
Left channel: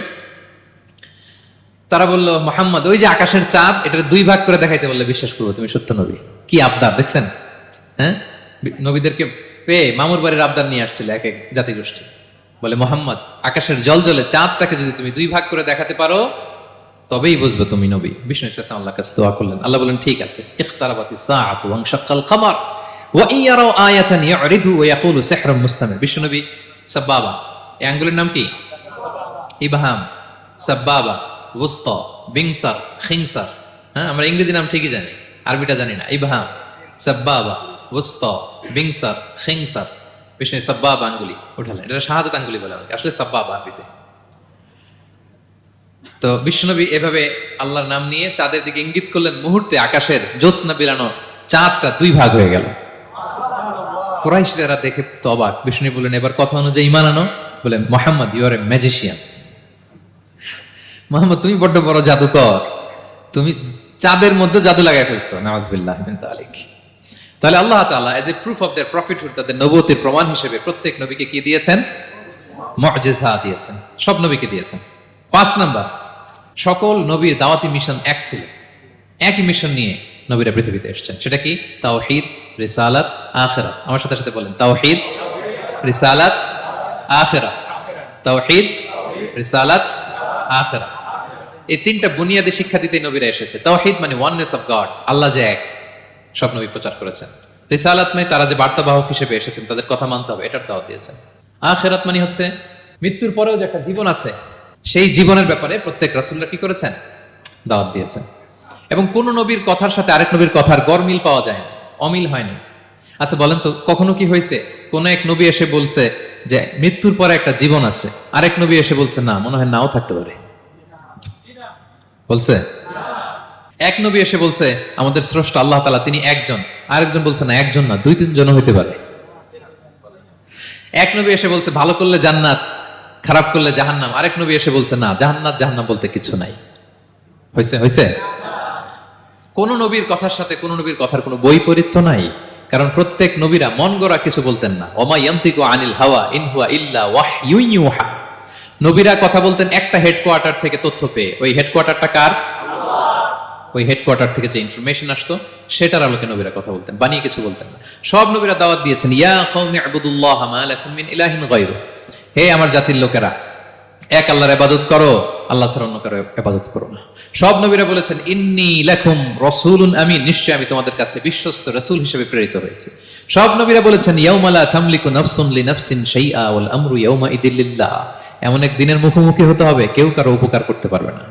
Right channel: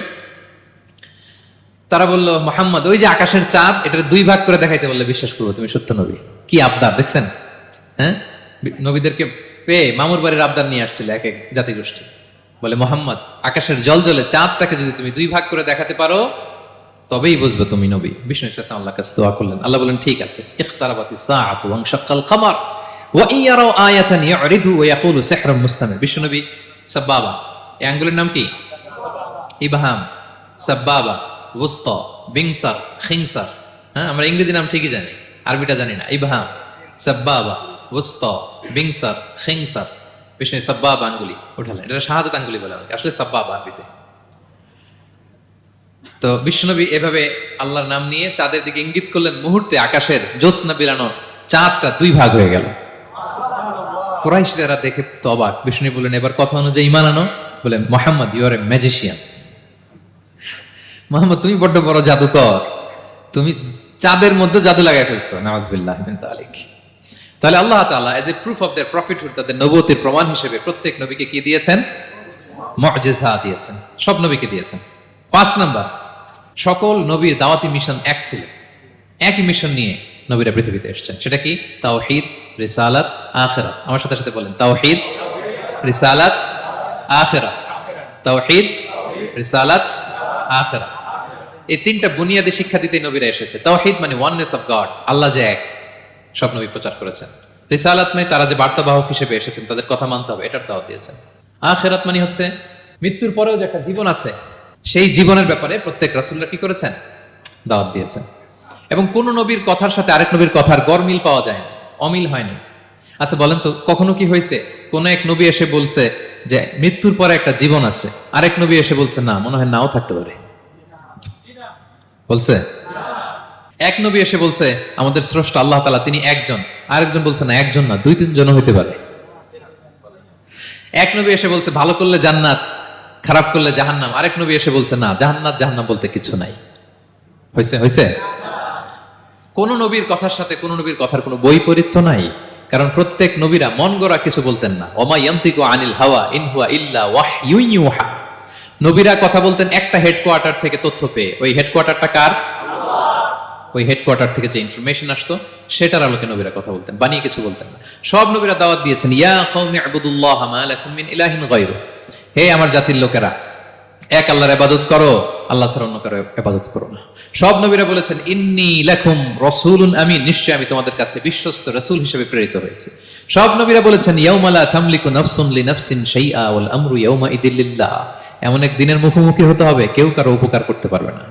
তারা বলল মুহাম্মদ, ওই যে আকাশের চাঁদ, এটা 2 ভাগ করে দেখাইতে বললে বিশ্বাস করবো তুমি সত্য নবী। কি আবদার দেখছেন? হ্যাঁ, নবীদেরকে পেয়ে মামুর বাড়ির আবদার নিয়ে আসছিল এক এক জাতিগোষ্ঠী। বলে মুহাম্মদ, আকাশের জলজলে চাঁদটাকে যদি তুমি 2 ভাগ করে দেখাতে পারো তবেই বুঝবে তুমি নবী। বিষ্ণু ইসলাম আল্লাহর কাছে দোয়া করলেন, আল্লাহ বলেন ঠিক আছে। ইখতারাবাতিস সাআতু ওয়ানশাক্কাল কমার ওয়া ইন ইয়ারাউ আয়াতান ইয়ারিদু ওয়া ইয়াকুলু সিহরুম মুস্তামির। বিষ্ণু নবী সাব্বাবা, এই আঙ্গুলের নাম কি? ইবহাম, সাব্বাবা, ওয়াসতা, বিনসা, শিনসা। হ্যাঁ, আমরা ইংরেজি নাম ঠিকই জানি, আরবিটা জানি না। ইবহাম, সাব্বাবা, ওয়াসতা, বিনসা, শিনসা। বিষ্ণু সাব্বাবা আঙ্গুলি ওঠালে, এটা শাহাদাত আঙ্গুলি বলে, আসলে সাব্বাবা আঙ্গুলি। তো বিষ্ণুনবী এভাবে আল্লাহর নাম নিয়ে চাঁদের দিকে ইঙ্গিত করলেন, মুহূর্তে আকাশের জ্যোৎস্না বিরানো চাঁদটা 2 ভাগ হয়ে গেল। কুরাইশরা দেখে তো অবাক। বিষ্ণু বলেন এবার কথা অনুযায়ী ঈমান আনো। বলে Muhammad, you are a magician. Muhammad, তুমি বড় বড় জাদুকর, তুমি চাঁদের মধ্যে জাদু লাগাই ফেলছো। নাউযুবিল্লাহ মিন যালিক। তাহলে আল্লাহ তাআলা age a proof of their prophethood, তাদের নবুয়তের প্রমাণ হিসেবে প্রত্যেক নবীকে কি দিয়েছেন? মুজিজা দিয়েছেন, সব নবীকে দিয়েছেন। 5 নাম্বার, সকল নবীর দাওয়াতি মিশন এক ছিল, একই মিশন নিয়ে নবীরা পৃথিবীতে এসেছেন। সেটা কি? তাওহীদ, রিসালাত, আখিরাত। আমার সাথে সাথে বলেন, তাওহীদ, রিসালাত, আখিরাত। তাওহীদ, রিসালাত, আখিরাত। এই 3টা বুনিয়াদী শিক্ষা দিতে নবীরা এসেছে। তাওহীদ মানে ওয়াননেস অফ গড, আল্লাহ যে এক, সব নবী প্রচার করেছেন। রিসালাত মানে তারা যে বার্তাবাহক হিসেবে এসেছেন, তাদের কথা মানতে হবে, এটার দাওয়াত দিয়েছেন। আখিরাত মানে হচ্ছে মৃত্যুর পরেও যে একটা জীবন আছে, সেই জীবনের ব্যাপারে প্রত্যেক রাসূলরা কি করেছেন? দাওয়াত দিয়েছেন। এবং কোন নবীর কথার সাথে আরেক নবীর কথার গরমিল পাওয়া যায়, অমিল হয়নি। আচ্ছা বলেন তো, কখনো কি হয়েছে কোন এক নবী এসে বলছে যে মৃত্যুর পরে একটা জীবন আছে, আরেক নবী এসে বলছে না, মনে হয় নাও থাকতে পারে? বলছে? এক নবী এসে বলছে আমাদের স্রষ্টা আল্লাহ তাআলা তিনি একজন, আরেকজন বলছে না একজন না, 2-3 জন হইতে পারে। এক নবী এসে বলছে ভালো করলে জান্নাত, খারাপ করলে জাহান্নাম, আরেক নবী এসে বলছে না, জান্নাত জাহান্নাম বলতে কিছু নাই। হয়েছে? হয়েছে? কোন নবীর কথার সাথে কোন নবীর কথার কোনো বৈপরীত্য নাই, কারণ প্রত্যেক নবীরা মন গড়া কিছু বলতেন না। ওমা ইয়ান্তিকু আনিল হাওয়া ইন হুয়া ইল্লা ওয়াহয়ুন ইউহা। নবীরা কথা বলতেন একটা হেডকোয়ার্টার থেকে তথ্য পেয়ে। ওই হেডকোয়ার্টারটা কার? ওই হেডকোয়ার্টার থেকে যে ইনফরমেশন আসতো সেটার আলোকে নবীরা কথা বলতেন, বানিয়ে কিছু বলতেন না। সব নবীরা দাওয়াত দিয়েছেন, ইয়া কওমি ইবুদুল্লাহ মা লাকুম মিন ইলাহিন গায়রু, হে আমার জাতির লোকেরা, এক আল্লাহর ইবাদত করো, আল্লাহ ছাড়া অন্য কারো ইবাদত করো না। সব নবীরা বলেছেন ইন্নী লাকুম রাসূলুন আমিন, নিশ্চয় আমি তোমাদের কাছে বিশ্বস্ত রাসূল হিসেবে প্রেরিত হয়েছি। সব নবীরা বলেছেন ইয়াউমা লা তামলিকু নাফসুন লিনাফসিন শাইআ ওয়াল আমরু ইয়াউমা ইযিল লিল্লাহ, এমন এক দিনের মুখোমুখি হতে হবে কেউ কারো উপকার করতে পারবে না।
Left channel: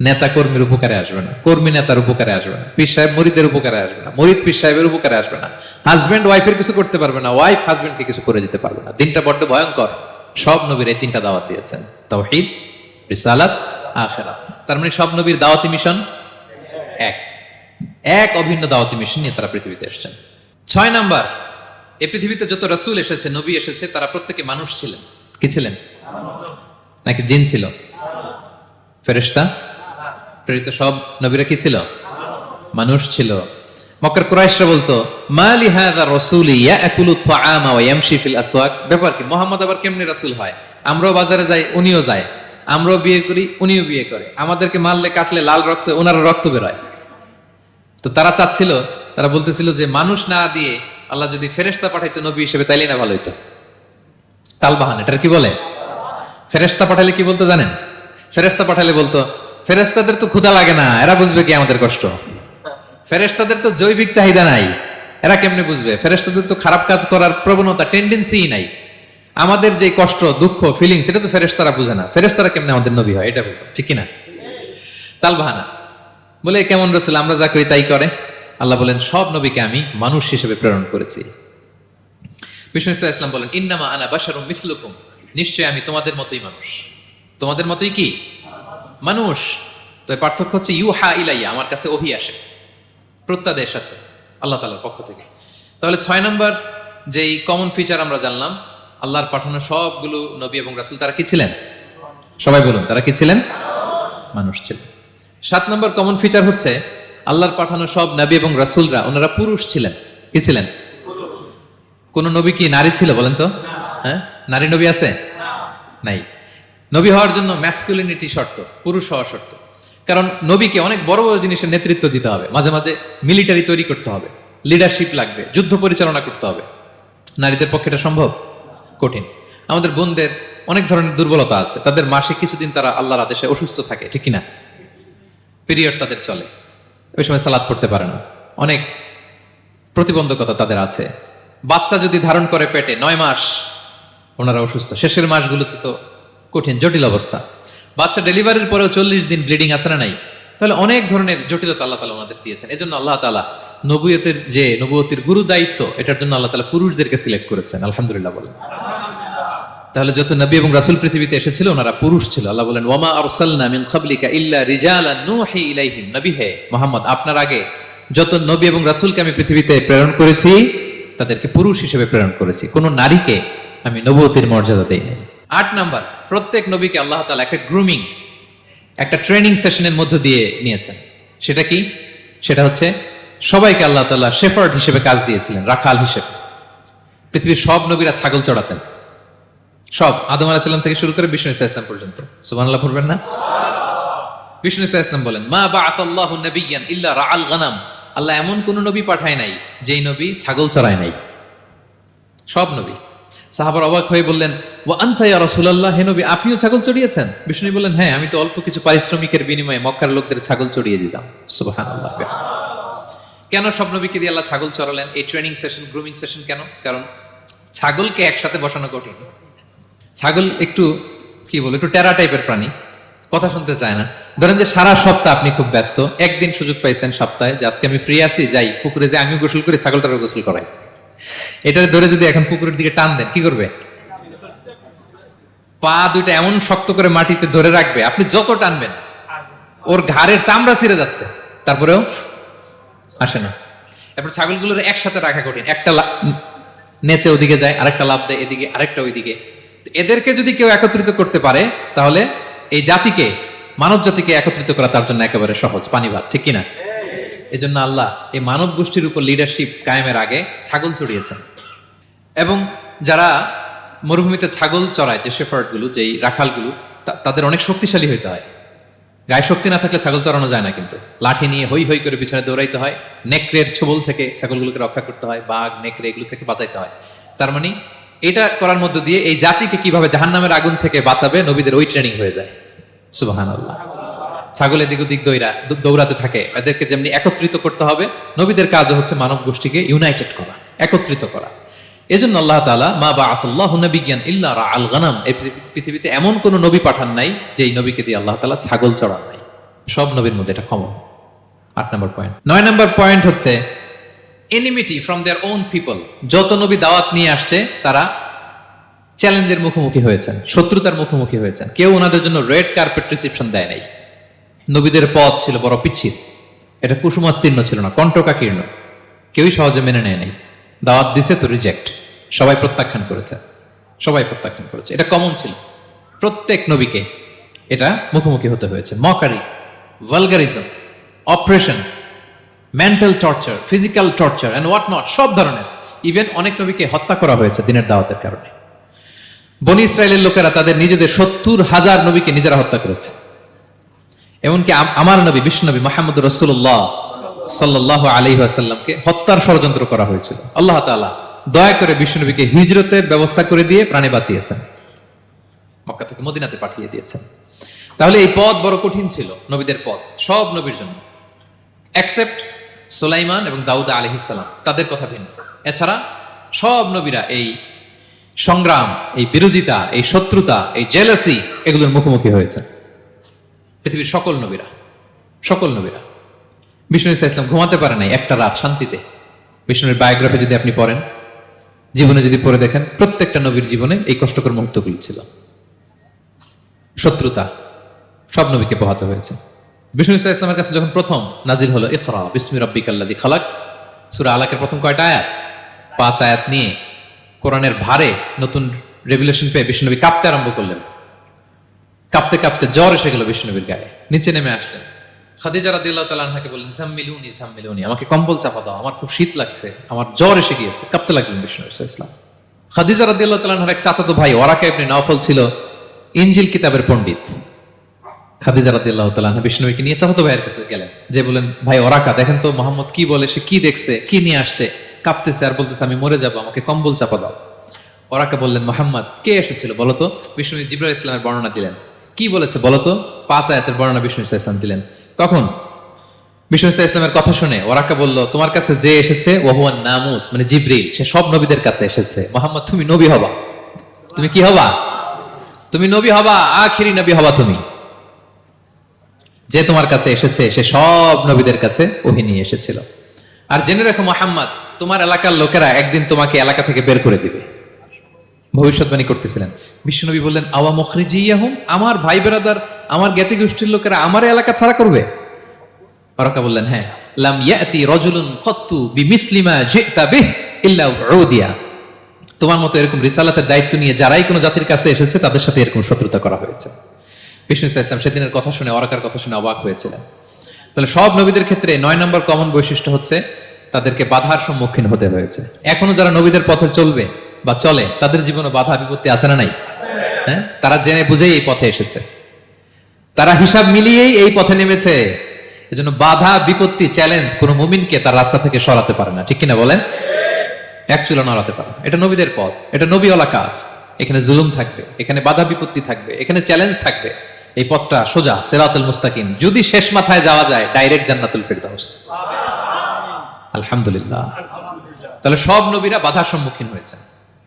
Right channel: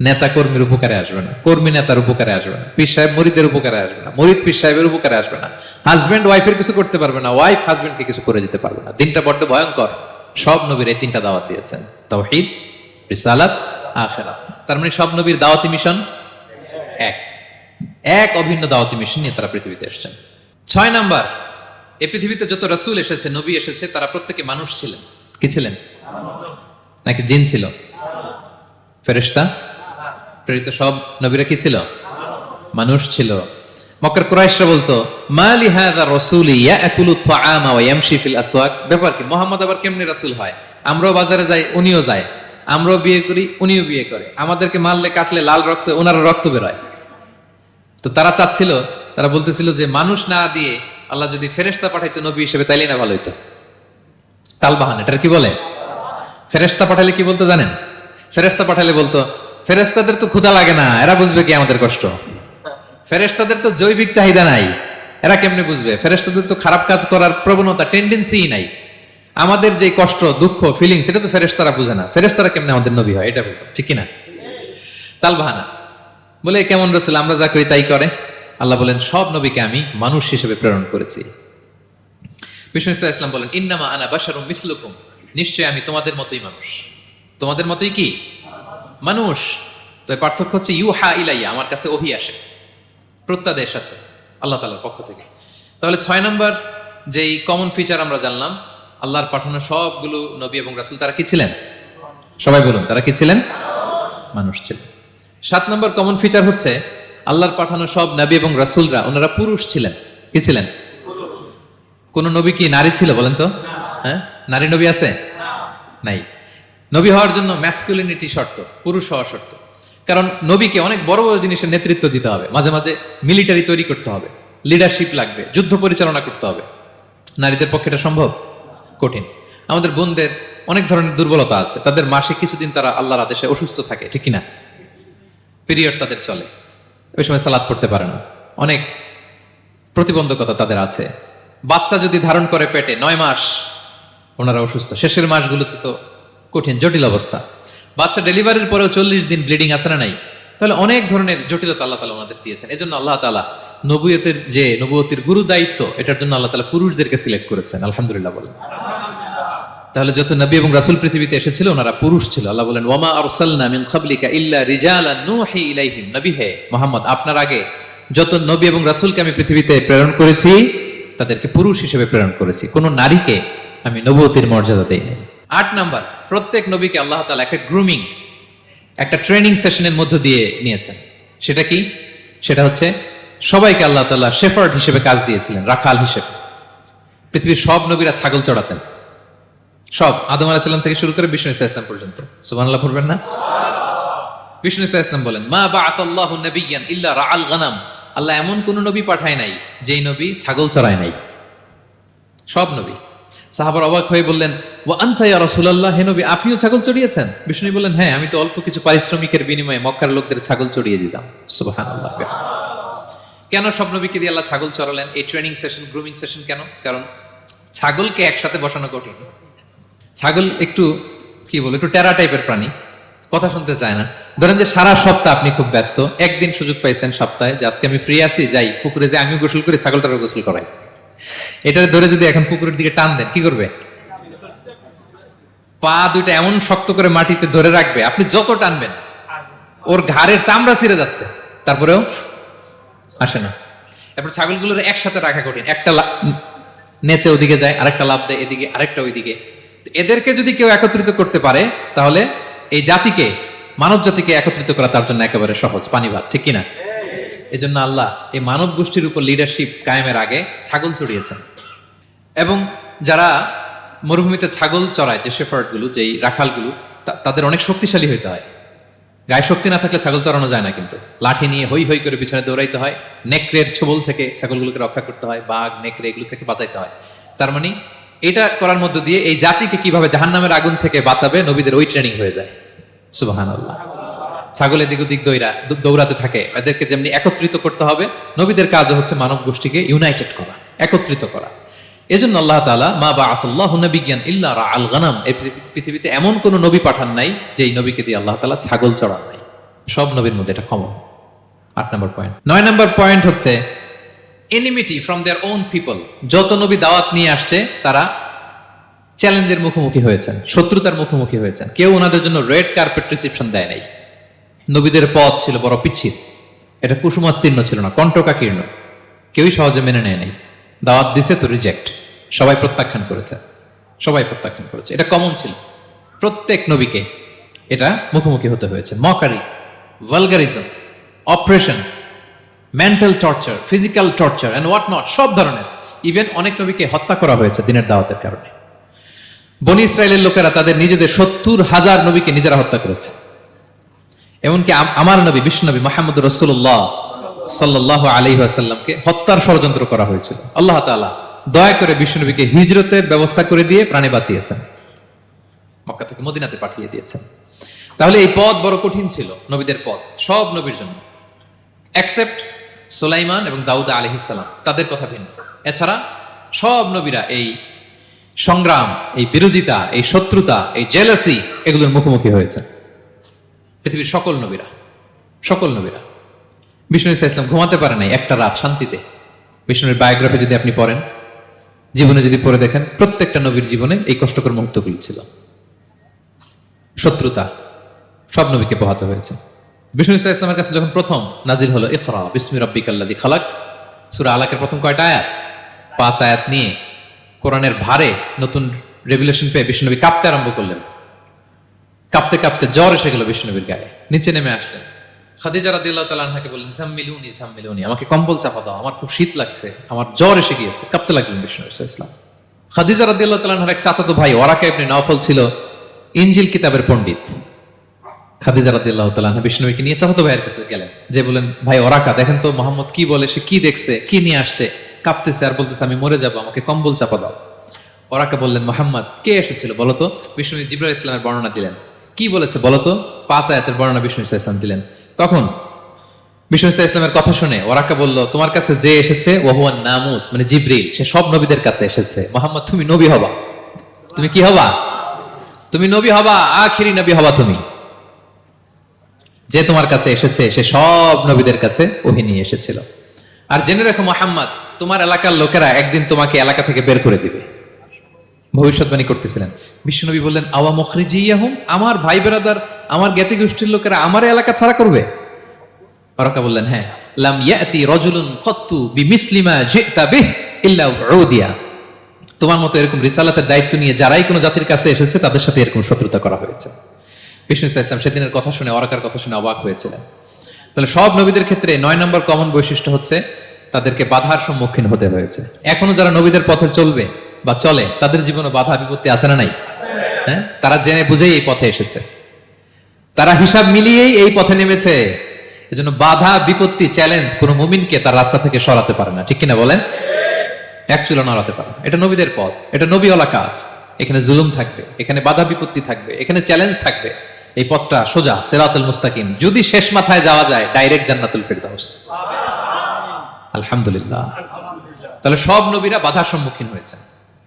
নেতা কর্মীর উপকারে আসবে না, কর্মী নেতার উপকারে আসবে না, পীর সাহেব মরিদের উপকারে আসবে না, মরিদ পীর সাহেবের উপকারে আসবে না, হাজবেন্ড ওয়াইফের কিছু করতে পারবে না, ওয়াইফ হাজবেন্ডকে কিছু করে দিতে পারবে না। দিনটা বড্ড ভয়ঙ্কর। সব নবীর এই তিনটা দাওয়াত দিয়েছেন, তাওহীদ, রিসালাত, আখিরাত। তার মানে সব নবীর দাওয়াতি মিশন এক, এক অভিন্ন দাওয়াতি মিশন নিয়ে তারা পৃথিবীতে এসেছেন। 6 নাম্বার, এই পৃথিবীতে যত রাসূল এসেছে, নবী এসেছে, তারা প্রত্যেকে মানুষ ছিলেন। কি ছিলেন? নাকি জিন ছিল? ফেরেশতা? প্রেরিত সব নবীরা কি ছিল? মানুষ ছিল। মক্কার কুরাইশরা বলতো, মা লিহাযা রাসূলি ইয়াকুলু আত-তাআমা ওয়া ইয়ামশি ফিল আসওয়াক। ব্যাপার কি, মুহাম্মদ আবার কেমনে রাসূল হয়? আমরাও বাজারে যাই, উনিও যায়, আমরাও বিয়ে করি, উনিও বিয়ে করে, আমাদেরকে মারলে কাটলে লাল রক্ত, ওনার রক্ত বের হয়। তো তারা চাচ্ছিল, তারা বলতেছিল যে মানুষ না দিয়ে আল্লাহ যদি ফেরেশতা পাঠাইতো নবী হিসেবে, তাইলে না ভালো হইতো। তালবাহান, এটার কি বলে? ফেরেশতা পাঠালে কি বলতো জানেন? ফেরেশতা পাঠালে বলতো, ফেরেশতাদের তো ক্ষুধা লাগে না, এরা বুঝবে কি আমাদের কষ্ট? ফেরেশতাদের তো জৈবিক চাহিদা নাই, এরা কেমনে বুঝবে? ফেরেশতাদের তো খারাপ কাজ করার প্রবণতা, টেন্ডেন্সি নাই। আমাদের যে কষ্ট, দুঃখ, ফিলিং, সেটা তো ফেরেশতারা বুঝে না। ফেরেশতারা কেমনে আমাদের নবী হয়, এটা বলতো, ঠিক না? বলে কেমন রাসূল, আমরা যা করি তাই করে। আল্লাহ বলেন, সব নবীকে আমি মানুষ হিসেবে প্রেরণ করেছি। বিষ্ণু ইসলাম বলেন, ইন্নামা আনা বাশারুম মিসলুকুম, নিশ্চয় আমি তোমাদের মতোই মানুষ। তোমাদের মতোই কি মানুষ। তো পার্থক্য হচ্ছে ইউহা ইলাইয়া, আমার কাছে ওহী আসে, প্রত্যাদেশ আছে আল্লাহ তাআলার পক্ষ থেকে। তাহলে 6 নম্বর যেই কমন ফিচার আমরা জানলাম, আল্লাহর পাঠানো সবগুলো নবী এবং রাসূল তারা কি ছিলেন? সবাই বলুন, তারা কি ছিলেন? মানুষ ছিলেন। 7 নম্বর কমন ফিচার হচ্ছে, আল্লাহর পাঠানো সব নবী এবং রাসূলরা ওনারা পুরুষ ছিলেন। কি ছিলেন? কোন নবী কি নারী ছিল বলেন তো? হ্যাঁ, নারী নবী আছে? নাই। নবী হওয়ার জন্য ম্যাসকুলিনিটি শর্ত, পুরুষ হওয়া শর্ত। কারণ নবীকে অনেক বড় বড় জিনিসের নেতৃত্ব দিতে হবে, মাঝে মাঝে মিলিটারি তৈরি করতে হবে, লিডারশিপ লাগবে, যুদ্ধ পরিচালনা করতে হবে। নারীদের পক্ষে এটা সম্ভব? কঠিন। আমাদের বোনদের অনেক ধরনের দুর্বলতা আছে, তাদের মাসে কিছুদিন তারা আল্লাহর আদেশে অসুস্থ থাকে, ঠিক কিনা? পিরিয়ড তাদের চলে, ওই সময় সালাত পড়তে পারে না, অনেক প্রতিবন্ধকতা তাদের আছে। বাচ্চা যদি ধারণ করে পেটে 9 মাস, ওনারা অসুস্থ। শেষের মাসগুলোতে তো কঠিন, জটিল অবস্থা। বাচ্চা ডেলিভারির পরেও 40 দিন ব্লিডিং আছে না নাই? তাহলে অনেক ধরনের জটিলতা আল্লাহ তাআলা ওনাদের দিয়েছেন। এজন্য আল্লাহ তাআলা নবুয়তের গুরু দায়িত্ব, এটার জন্য আল্লাহ তাআলা পুরুষদেরকে সিলেক্ট করেছেন। আলহামদুলিল্লাহ বলেন। তাহলে যত নবী এবং রাসূল পৃথিবীতে এসেছিল, ওনারা পুরুষ ছিল। আল্লাহ বলেন, ওয়ামা আরসালনা মিন ক্বাবলিকা ইল্লা রিজালান নূহি ইলাইহিম। নবী হে মুহাম্মদ, আপনার আগে যত নবী এবং রাসূলকে আমি পৃথিবীতে প্রেরণ করেছি, তাদেরকে পুরুষ হিসেবে প্রেরণ করেছি, কোন নারীকে আমি নবুয়তের মর্যাদা দেই নাই। 8 নাম্বার, প্রত্যেক নবীকে আল্লাহ তাআলা একটা গ্রুমিং, একটা ট্রেনিং সেশনের মধ্য দিয়ে নিয়েছেন। সেটা কি? সেটা হচ্ছে, সবাইকে আল্লাহ তাআলা শেফার্ড হিসেবে কাজ দিয়েছিলেন, রাখাল হিসেবে। পৃথিবীর সব নবীরা ছাগল চড়াতেন, সব, আদম আলাইহিস সালাম থেকে শুরু করে বিষ্ণু ইসা ইসলাম পর্যন্ত। সুবহানাল্লাহ পড়বেন না? বিষ্ণু ইসা ইসলাম বলেন, মা বাআসাল্লাহু নাবিয়্যান ইল্লা রাআল গানাম। আল্লাহ এমন কোন নবী পাঠায় নাই যেই নবী ছাগল চড়ায় নাই। সব নবী। সাহাবারা অবাক হয়ে বললেন, ওয়া আনতা ইয়া রাসূলুল্লাহ, হে নবী আপনিও ছাগল চড়িয়েছেন? বিষ্ণু বললেন, হ্যাঁ, আমি তো অল্প কিছু পারিশ্রমিকের বিনিময়ে মক্কার লোকদের ছাগল চড়িয়ে দিতাম। সুবহানাল্লাহ। কেন সব নবীকে দিয়ে আল্লাহ ছাগল চড়ালেন? এই ট্রেনিং সেশন, গ্রুমিং সেশন কেন? কারণ ছাগলকে একসাথে বসানো কঠিন। ছাগল একটু কি বলে, একটু টেরা টাইপের প্রাণী, কথা শুনতে চায় না। ধরেন যে সারা সপ্তাহ আপনি খুব ব্যস্ত, একদিন সুযোগ পাইছেন সপ্তাহে যে আজকে আমি ফ্রি আছি, যাই পুকুরে যাই, আমিও গোসল করি, ছাগলটারও গোসল করাই। এটা ধরে যদি এখন পুকুরের দিকে টান দেন, কি করবে? পা দুইটা এমন শক্ত করে মাটিতে ধরে রাখবে, আপনি যত টানবেন ওর ঘাড়ের চামড়া ছিঁড়ে যাচ্ছে, তারপরেও আসে না। এরপর ছাগলগুলোর একসাথে রাখা কঠিন, একটা নেচে ওদিকে যায়, আরেকটা লাফ দেয় এদিকে, আরেকটা ওইদিকে। এদেরকে যদি কেউ একত্রিত করতে পারে, তাহলে এই জাতিকে, মানব জাতিকে একত্রিত করে তার জন্য একেবারে সহজ, পানিবান, ঠিক কিনা? এই জন্য আল্লাহ এই মানব গোষ্ঠীর উপর লিডারশিপ কায়েমের আগে ছাগল চড়িয়েছে। এবং যারা মরুভূমিতে ছাগল চড়ায়, যে শেফার্ড গুলো, যেই রাখাল গুলো, তাদের অনেক শক্তিশালী হইতে হয়। গায়ে শক্তি না থাকলে ছাগল চড়ানো যায় না, কিন্তু লাঠি নিয়ে হই হই করে পিছনে দৌড়াইতে হয়, নেকড়ের ছোবল থেকে ছাগলগুলোকে রক্ষা করতে হয়, বাঘ, নেকড়ে এগুলো থেকে বাঁচাইতে হয়। তার মানে এটা করার মধ্য দিয়ে এই জাতিকে কিভাবে জাহান্নামের আগুন থেকে বাঁচাবে, নবীদের ওই ট্রেনিং হয়ে যায়। সুবহানাল্লাহ। ছাগলের দিক ওদিক দৌড়াতে থাকে, এদেরকে যেমনি একত্রিত করতে হবে, নবীদের কাজও হচ্ছে মানব গোষ্ঠীকে ইউনাইটেড করা, একত্রিত করা। এজন্য আল্লাহ তাআলা মা বাআসাল্লাহু নাবিয়্যান ইল্লা রাআল গানাম, এই পৃথিবীতে এমন কোন নবী পাঠান নাই যেই নবীকে দিয়ে আল্লাহ তাআলা ছাগল চড়ান নাই। সব নবীর মধ্যে এটা কমন। 8 নম্বর পয়েন্ট। 9 নম্বর পয়েন্ট হচ্ছে enmity from their own people. যত নবী দাওয়াত নিয়ে আসছে তারা চ্যালেঞ্জের মুখোমুখি হয়েছেন, শত্রুতার মুখোমুখি হয়েছেন। কেউ ওনাদের জন্য রেড কার্পেট রিসেপশন দেয়নি। নবীদের পথ ছিল বড় পিছিয়ে, এটা কুসংস্কার ছিল, কল্পনাকীর্ণ। কেউ সমাজে মেনে নেয়নি। দাওয়াত দিয়েছে তো রিজেক্ট, সবাই প্রত্যাখ্যান করেছে, এটা কমন ছিল প্রত্যেক নবীকে। এটা মুখোমুখি হতে হয়েছে। Mockery, vulgarism, oppression, mental torture, physical torture and what not, সব ধরনের। ইভেন অনেক নবীকে হত্যা করা হয়েছে দিনের দাওয়াতের কারণে। বনি ইসরায়েলের লোকেরা তাদের নিজেদের 70,000 নবীকে নিজেরা হত্যা করেছে। এমনকি আমার নবী বিষ্ণু নবী মুহাম্মদ রাসূলুল্লাহ সাল্লাল্লাহু আলাইহি ওয়াসাল্লামকে হত্যার ষড়যন্ত্র করা হয়েছিল। আল্লাহ তাআলা দয়া করে বিশ্বনবীকে হিজরতের ব্যবস্থা করে দিয়ে প্রাণে বাঁচিয়েছেন, মক্কা থেকে মদিনাতে পাঠিয়ে দিয়েছেন। তাহলে এই পথ বড় কঠিন ছিল, নবীদের পথ, সব নবীর জন্য, এক্সেপ্ট সুলাইমান এবং দাউদ আলাইহিস সালাম, তাদের কথা ভিন্ন। এছাড়া সব নবীরা এই সংগ্রাম, এই বিরোধিতা, এই শত্রুতা, এই জেলাসি, এগুলোর মুখোমুখি হয়েছে। পৃথিবীর সকল নবীরা। বিষ্ণু ইসলাম ঘুমাতে পারে নাই একটা রাত শান্তিতে। বিষ্ণুর বায়োগ্রাফি যদি আপনি পড়েন, জীবনে যদি পড়ে দেখেন, প্রত্যেকটা নবীর জীবনে এই কষ্টকর মুহূর্তগুলি ছিল। শত্রুতা, সব নবীকে পোহাতে হয়েছে। বিষ্ণু ইসলামের কাছে যখন প্রথম নাজিল হলো ইকরা বিসমি রাব্বিকাল্লাযী খালাক, সূরা আলাকের প্রথম কয়টা আয়াত? 5 আয়াত নিয়ে কোরআনের ভারে নতুন রেগুলেশন পেয়ে বিষ্ণুনবী কাঁপতে আরম্ভ করলেন। কাঁপতে কাঁপতে জ্বর এসে গেল বিষ্ণুনবীর গায়ে। নিচে নেমে আসলেন। খাদিজা রাদিয়াল্লাহু তাআলা আনহাকে বললেন, জাম্মিলুনি, আমাকে কম্বল চাপা দাও, আমার খুব শীত লাগছে, আমার জ্বর এসে গিয়েছে। কাঁপতে লাগলেন বিষ্ণু ইসলাম। খাদিজা রাদিয়াল্লাহু তাআলা আনহার এক চাচাতো ভাই ওরাকা ইবনে নওফল ছিল ইনজিল কিতাবের পণ্ডিত। খাদিজা রাদিয়াল্লাহু তাআলা আনহা বিষ্ণুনবীকে নিয়ে চাচাতো ভাইয়ের কাছে গেলেন, যে বলেন, ভাই ওরাকা, দেখেন তো মুহাম্মদ কি বলে, সে কি দেখছে, কি নিয়ে আসছে, কাঁপতেছে আর বলতেছে আমি মরে যাবো, আমাকে কম্বল চাপা দাও। ওরাকা বললেন, মুহাম্মদ কে এসেছিল বলতো? বিষ্ণু জিবরাইল ইসলামের বর্ণনা দিলেন। কি বলেছে বলতো? 5 আয়াতের বর্ণনা বিষ্ণু ইসলাম দিলেন। তখন বিষ্ণু ইসলামের কথা শুনে ওরাকা বলল, তোমার কাছে যে এসেছে ওহুয়ান নামুস, মানে জিবরিল, সে সব নবীদের কাছে এসেছে। মুহাম্মদ তুমি নবী হবা, তুমি কি হবা? তুমি নবী হবা, আখিরি নবী হবা তুমি। যে তোমার কাছে এসেছে সে সব নবীদের কাছে ওহী নিয়ে এসেছিল। আর জেনে রাখো মুহাম্মদ, তোমার এলাকার লোকেরা একদিন তোমাকে এলাকা থেকে বের করে দিবে। ভবিষ্যৎবাণী করতেছিলেন। বিশ্বনবী বললেন, আওয়া মুখরিজিয়াহুম, আমার ভাই বেরাদার, আমার জ্ঞাতি গোষ্ঠীর লোকেরা আমার এলাকা ছাড়া করবে? ওরাকা বললেন, হ্যাঁ। লাম ইয়াতি রাজুলুন কাত্তু বিমিসলি মা জিতা বিহি ইল্লা উদিয়া, তোমার মতো এরকম রিসালাতের দায়িত্ব নিয়ে যারাই কোনো জাতির কাছে এসেছে তাদের সাথে এরকম শত্রুতা করা হয়েছে। বিষ্ণু ইসলাম সেদিনের কথা শুনে, ওরাকার কথা শুনে অবাক হয়েছিলেন। তাহলে সব নবীদের ক্ষেত্রে 9 নম্বর কমন বৈশিষ্ট্য হচ্ছে তাদেরকে বাধার সম্মুখীন হতে হয়েছে। এখনো যারা নবীদের পথে চলবে বা চলে, তাদের জীবনে বাধা বিপত্তি আছে না নাই? হ্যাঁ, তারা জেনে বুঝেই এই পথে এসেছে, তারা হিসাব মিলিয়েই এই পথে নেমেছে। এজন্য বাধা বিপত্তি চ্যালেঞ্জ কোন মুমিনকে তার রাস্তা থেকে সরাতে পারে না, ঠিক কিনা বলেন? এক চুলো নড়াতে পারে না। এটা নবীদের পথ, এটা নবীওয়ালা কাজ। এখানে জুলুম থাকবে, এখানে বাধা বিপত্তি থাকবে, এখানে চ্যালেঞ্জ থাকবে। এই পথটা সোজা, সিরাতুল মুস্তাকিম। যদি শেষ মাথায় যাওয়া যায়, ডাইরেক্ট জান্নাতুল ফিরদাউস। আলহামদুলিল্লাহ। তাহলে সব নবীরা বাধার সম্মুখীন হয়েছে।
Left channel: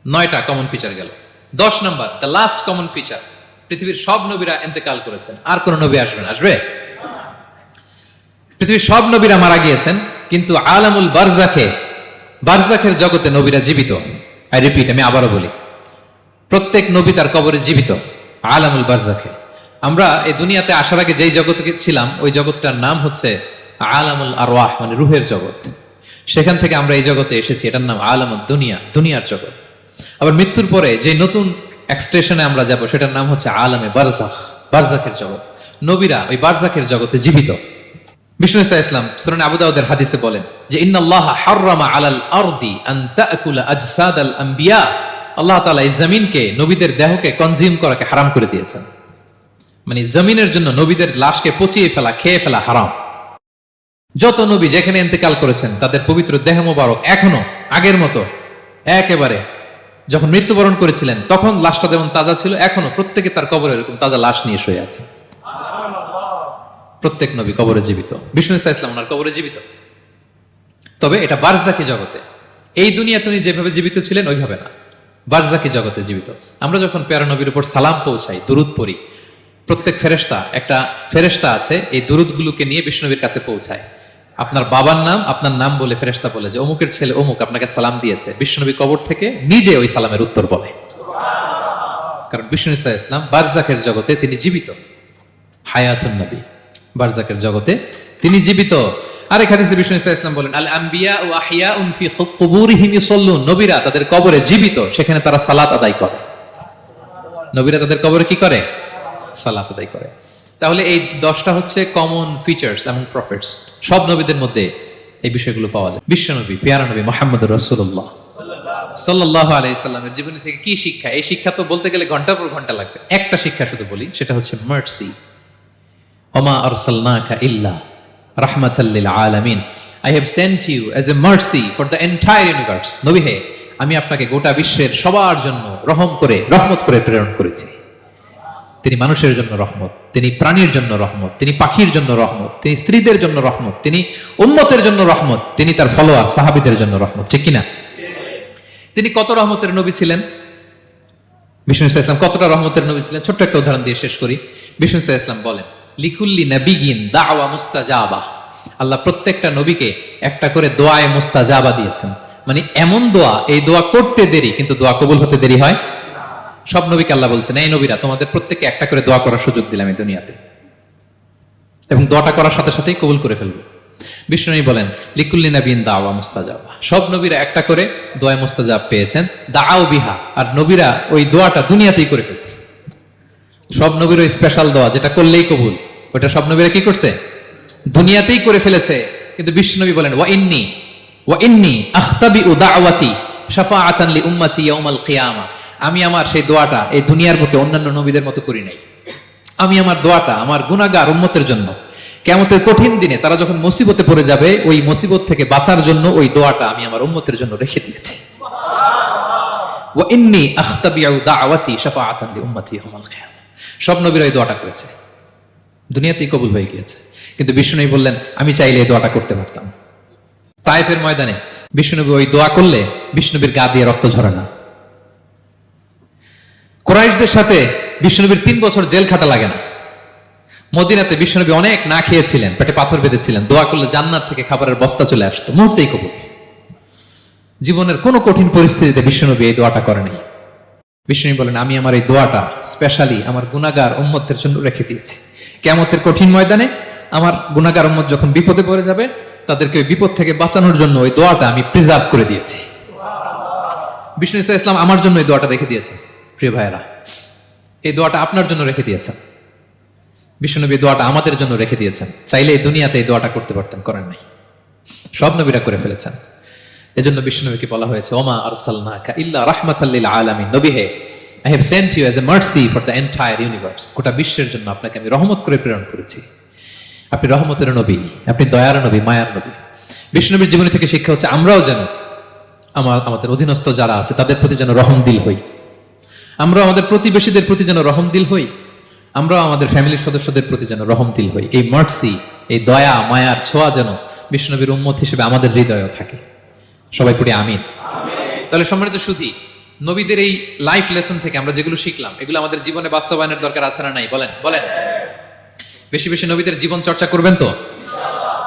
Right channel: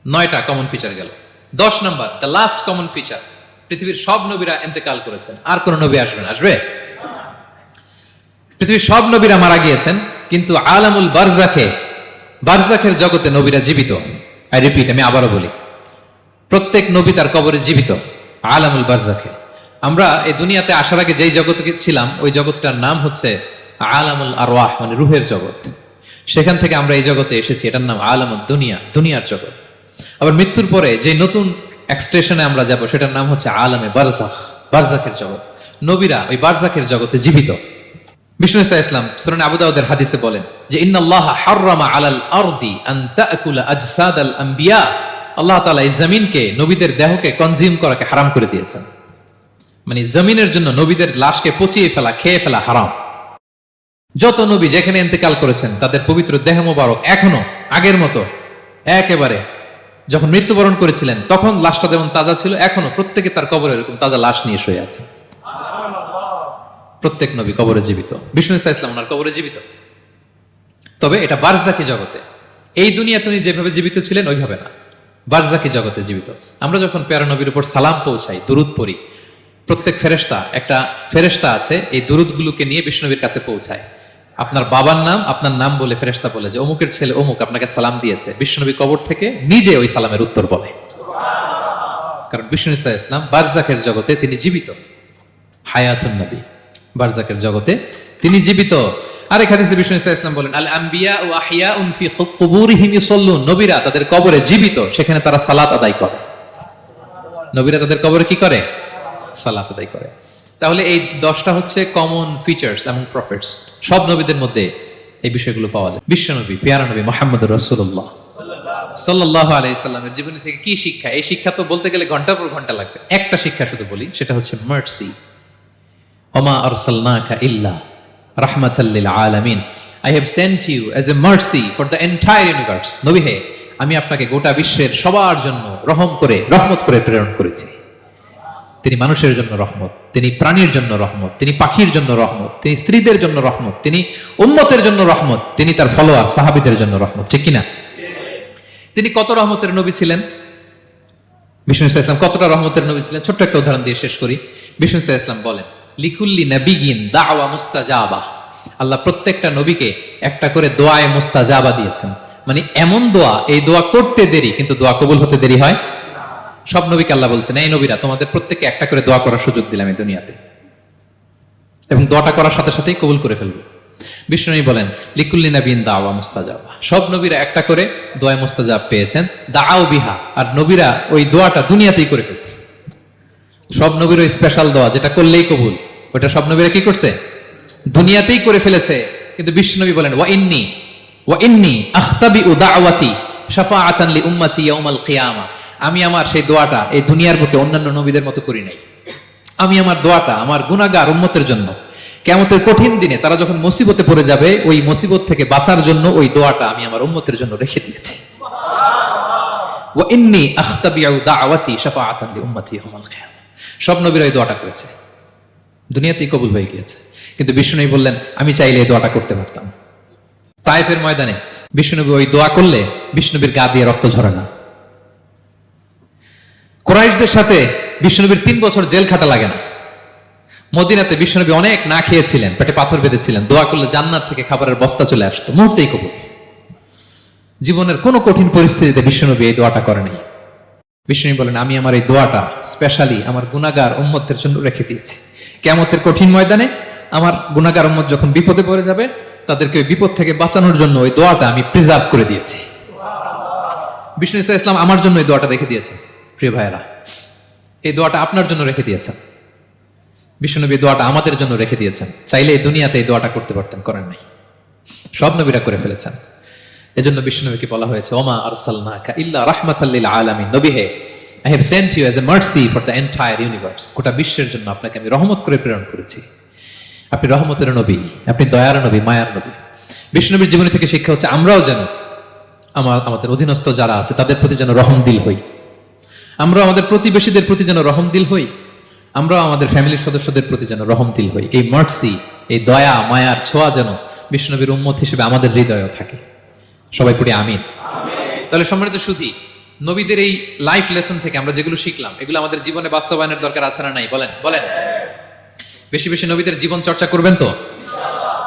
9টা কমন ফিচার গেল। 10 নম্বর, দ্য লাস্ট কমন ফিচার, পৃথিবীর সব নবীরা ইন্তেকাল করেছেন, আর কোন নবী আসবে? পৃথিবীর সব নবীরা মারা গিয়েছেন, কিন্তু আলামুল বারজাখের জগতে নবীরা জীবিত। আই রিপিট, আমি আবারও বলি, প্রত্যেক নবী তার কবরে জীবিত আলামুল বারজাখে। আমরা এই দুনিয়াতে আসার আগে যেই জগতে ছিলাম, ওই জগৎটার নাম হচ্ছে আলামুল আরওয়াহ, মানে রুহের জগৎ। সেখান থেকে আমরা এই জগতে এসেছি, এটার নাম আলামুদ দুনিয়া, দুনিয়ার জগৎ। আবার মৃত্যুর পরে যে নতুন এক্সটেশনে আমরা যাব, সেটার নাম হচ্ছে আলামে বারজাখ, বারজাখের জগৎ। নবীরা ওই বারজাখের জগতে জীবিত। বিষ্ণু ইসলাম সুনান আবু দাউদের হাদিসে বলেন যে, ইন্নাল্লাহা হাররামা আলাল আরদি আন তাকুলা আজসাদাল আম্বিয়া, আল্লাহ তাআলা এই জমিনকে, নবীদের দেহকে কনজিউম করাকে হারাম করে দিয়েছেন। মানে জমিনের জন্য নবীদের লাশকে পচিয়ে ফেলা, খেয়ে ফেলা হারাম। যত নবী যেখানে ইন্তেকাল করেছেন, তাদের পবিত্র দেহ মোবারক এখনো আগের মতো একেবারে যখন মৃত্যুবরণ করেছিলেন তখন লাশটা যেমন তাজা ছিল, এখনো প্রত্যেকে তার কবরে এরকম তাজা লাশ নিয়ে শুয়ে আছে। প্রত্যেক নবী কবরে জীবিত। বিষ্ণু ইসলাম ওনার কবরে জীবিত। তবে এটা বারজাকি জগতে। এই দুনিয়াতে উনি যেভাবে জীবিত ছিলেন ওইভাবে না, বারজাকি জগতে জীবিত। আমরা যখন প্যারা নবীর উপর সালাম পৌঁছাই, দুরূদ পড়ি, প্রত্যেক একটা ফেরেশতা আছে, এই দুরূদগুলোকে নিয়ে বিষ্ণুনবীর কাছে পৌঁছায়। আপনার বাবার নাম আপনার নাম বলে ফেরেশতা বলে যে অমুকের ছেলে অমুক আপনাকে সালাম দিয়েছে, বিষ্ণুনবী কবর থেকে নিজে ওই সালামের উত্তর বলে। কারণ বিষ্ণু ইসলাম বারজাকের জগতে তিনি জীবিত, হায়াতুন নবী, বারজাকের জগতে তিনি জীবিত। আরেক হাদিসে বিষ্ণু ইসলাম বলেন, আল আম্বিয়া ও আহিয়াউন ফি কুবুরিহিম ইউসাল্লুন, নবীরা তাদের কবরে জীবিত, সেখানে তারা সালাত আদায় করে। নবীরা তাদের কবরে কি করে? সালাত আদায় করে। তাহলে এই 10টা হচ্ছে কমন ফিচার্স among prophets, সব নবীদের মধ্যে এই বিষয়গুলো পাওয়া যায়। বিশ্বনবী পেয়ারা নবী মুহাম্মদুর রাসূলুল্লাহ সাল্লাল্লাহু আলাইহি সাল্লামের জীবনী থেকে কি শিক্ষা? এই শিক্ষা তো বলতে গেলে ঘন্টার পর ঘন্টা লাগবে। একটা শিক্ষা শুধু বলি, সেটা হচ্ছে মার্সি। ওমা আরসালনাকা ইল্লা রাহমাতাল লিল আলামিন, I have sent you as a mercy for the entire universe. নবী হে, আমি আপনাকে গোটা বিশ্বের সবার জন্য রহমত করে প্রেরণ করেছি। তিনি মানুষের জন্য রহমত, তিনি প্রাণীর জন্য রহমত, তিনি পাখির জন্য রহমত, তিনি স্ত্রীদের জন্য রহমত, তিনি উম্মতের জন্য রহমত, তিনি তার ফলোয়ার সাহাবীদের জন্য রহমত। ঠিক কিনা? তিনি কত রহমতের নবী ছিলেন? বিষ্ণু ইসলাম কতটা রহমতের নবী ছিলেন? ছোট্ট একটা উদাহরণ দিয়ে শেষ করি। বিষ্ণু ইসলাম বলেন, লিকুল্লি নাবিয়িন দাওয়া মুস্তাজাবা, আল্লাহ প্রত্যেকটা নবীকে একটা করে দোয়ায়ে মুস্তাজাবা দিয়েছেন। মানে এমন দোয়া, এই দোয়া করতে দেরি কিন্তু দোয়া কবুল হতে দেরি হয়। সব নবীকে আল্লাহ বলছেন, এই নবীরা তোমাদের প্রত্যেককে একটা করে দোয়া করার সুযোগ দিলাম এই দুনিয়াতে, এবং দোয়াটা করার সাথে সাথেই কবুল করে ফেলবে। বিষ্ণু বলেন, লিকুল্লি নাবিয়িন দাওয়া মুস্তাজাবা, সব নবীরা একটা করে দোয়া মুস্তাজাব পেয়েছেন। দাআউ বিহা, আর নবীরা ওই দোয়াটা দুনিয়াতেই করে ফেলছে। সব নবীর ওই স্পেশাল দোয়া যেটা করলেই কবুল, ওটা সব নবীরা কি করছে? দুনিয়াতেই করে ফেলেছে। কিন্তু বিশ্বনবী বলেন, ওয়া ইন্নী আখতাবিউ দাওয়াতি শাফাআতান লি উম্মতি ইয়াউমাল কিয়ামা, আমি আমার সেই দোয়াটা এই দুনিয়ার বুকে অন্যান্য নবীদের মতো করি নাই। আমি আমার দোয়াটা আমার গুনাহগার উম্মতের জন্য কিয়ামতের কঠিন দিনে তারা যখন মুসিবতে পড়ে যাবে, ওই মুসিবত থেকে বাঁচার জন্য ওই দোয়াটা আমি আমার উম্মতের জন্য রেখে দিয়েছি। ওয়া ইন্নী আখতাবিউ দাওয়াতি শাফাআতান লি উম্মতি ইয়াউমাল কিয়ামা, সব নবীরা এই দোয়াটা করেছে, দুনিয়াতেই কবুল হয়ে গিয়েছে। কিন্তু বিষ্ণুনবী বললেন, আমি চাইলে এই দোয়াটা করতে পারতাম। তায়েফের ময়দানে বিষ্ণুনবী ওই দোয়া করলে বিষ্ণুনবীর গা দিয়ে রক্ত ঝরে না। কুরাইশদের সাথে বিষ্ণুনবীর 3 বছর জেল খাটা লাগে না। মদিনাতে বিষ্ণুনবী অনেক না খেয়েছিলেন, পেটে পাথর বেঁধেছিলেন, দোয়া করলে জান্নাত থেকে খাবারের বস্তা চলে আসতো, মুহূর্তেই কবুল। জীবনের কোন কঠিন পরিস্থিতিতে বিষ্ণুনবী এই দোয়াটা করেনি। বিষ্ণু বলেন, আমি আমার এই দোয়াটা স্পেশালি আমার গুনাহগার উম্মতের জন্য রেখে দিয়েছি। কিয়ামতের কঠিন ময়দানে আমার গুনাহগার উম্মত যখন বিপদে পড়ে যাবে, তাদেরকে ওই বিপদ থেকে বাঁচানোর জন্য ওই দোয়াটা আমি প্রিজার্ভ করে দিয়েছি। বিষ্ণু ইসলাম আমার জন্য এই দোয়াটা রেখে দিয়েছেন। প্রিয় ভাইয়েরা, এই দোয়াটা আপনার জন্য রেখে দিয়েছেন। বিষ্ণুনবী দোয়াটা আমাদের জন্য রেখে দিয়েছেন। চাইলে এই দুনিয়াতে এই দোয়াটা করতে পারতেন, করেন নাই। সব নবীরা করে ফেলেছেন। এজন্য বিষ্ণুনবীকে বলা হয়েছে, ওমা আরসালনাকা ইল্লা রাহমাতাল লিল আলামিন, নবী হে, I have sent you as a mercy for the entire universe, গোটা বিশ্বের জন্য আপনাকে আমি রহমত করে প্রেরণ করেছি। আপনি রহমতের নবী, আপনি দয়ার নবী, মায়ার নবী। বিষ্ণুনবীর জীবনী থেকে শিক্ষা হচ্ছে, আমরাও যেন আমাদের অধীনস্থ যারা আছে তাদের প্রতি যেন রহমদিল হই। আমরা আমাদের প্রতিবেশীদের প্রতি যেন রহমদিল হই। আমরা আমাদের ফ্যামিলির সদস্যদের প্রতি যেন রহমদিল হই। এই মার্সি, এই দয়া মায়ার ছোঁয়া যেন বিষ্ণুনবীর উম্মত হিসেবে আমাদের হৃদয়েও থাকে। সবাই পড়ি আমিন। তাহলে সম্মানিত সুধী, নবীদের এই লাইফ লেসন থেকে আমরা যেগুলো শিখলাম, এগুলো আমাদের জীবনে বাস্তবায়নের দরকার আছে না নাই? বলেন। বেশি বেশি নবীদের জীবন চর্চা করবেন তো?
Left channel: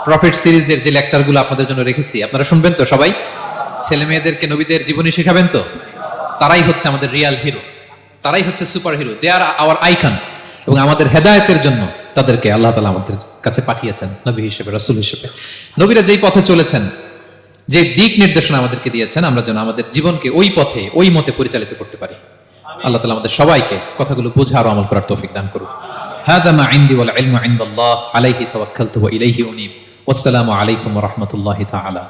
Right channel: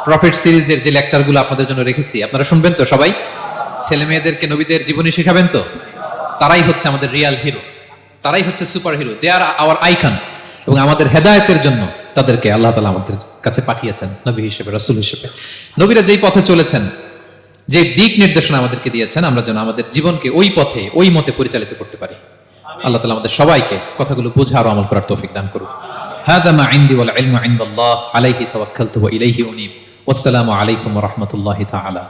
প্রফেট সিরিজের যে লেকচারগুলো আপনাদের জন্য রেখেছি, আপনারা শুনবেন তো? সবাই ছেলে মেয়েদেরকে নবীদের জীবনী শেখাবেন তো? তারাই হচ্ছে আমাদের রিয়াল হিরো, তারাই হচ্ছে সুপার হিরো, দে আর আওয়ার আইকন। এবং আমাদের হেদায়েতের জন্য তাদেরকে আল্লাহ তাআলা আমাদের কাছে পাঠিয়েছেন নবী হিসেবে, রাসূল হিসেবে। নবীরা যেই পথে চলেছেন, যে দিক নির্দেশনা আমাদেরকে দিয়েছেন, আমরা যেন আমাদের জীবনকে ওই পথে ওই মতে পরিচালিত করতে পারি। আল্লাহ তাআলা আমাদের সবাইকে কথাগুলো বোঝা আর আমল করার তৌফিক দান করুন। হাযা মা ইনদি ওয়াল ইলমু ইনদাল্লাহ, আলাইহি তাওয়াক্কালতু ওয়া ইলাইহি উনীব। ওয়াসসালামু আলাইকুম ওয়া রাহমাতুল্লাহি তাআলা।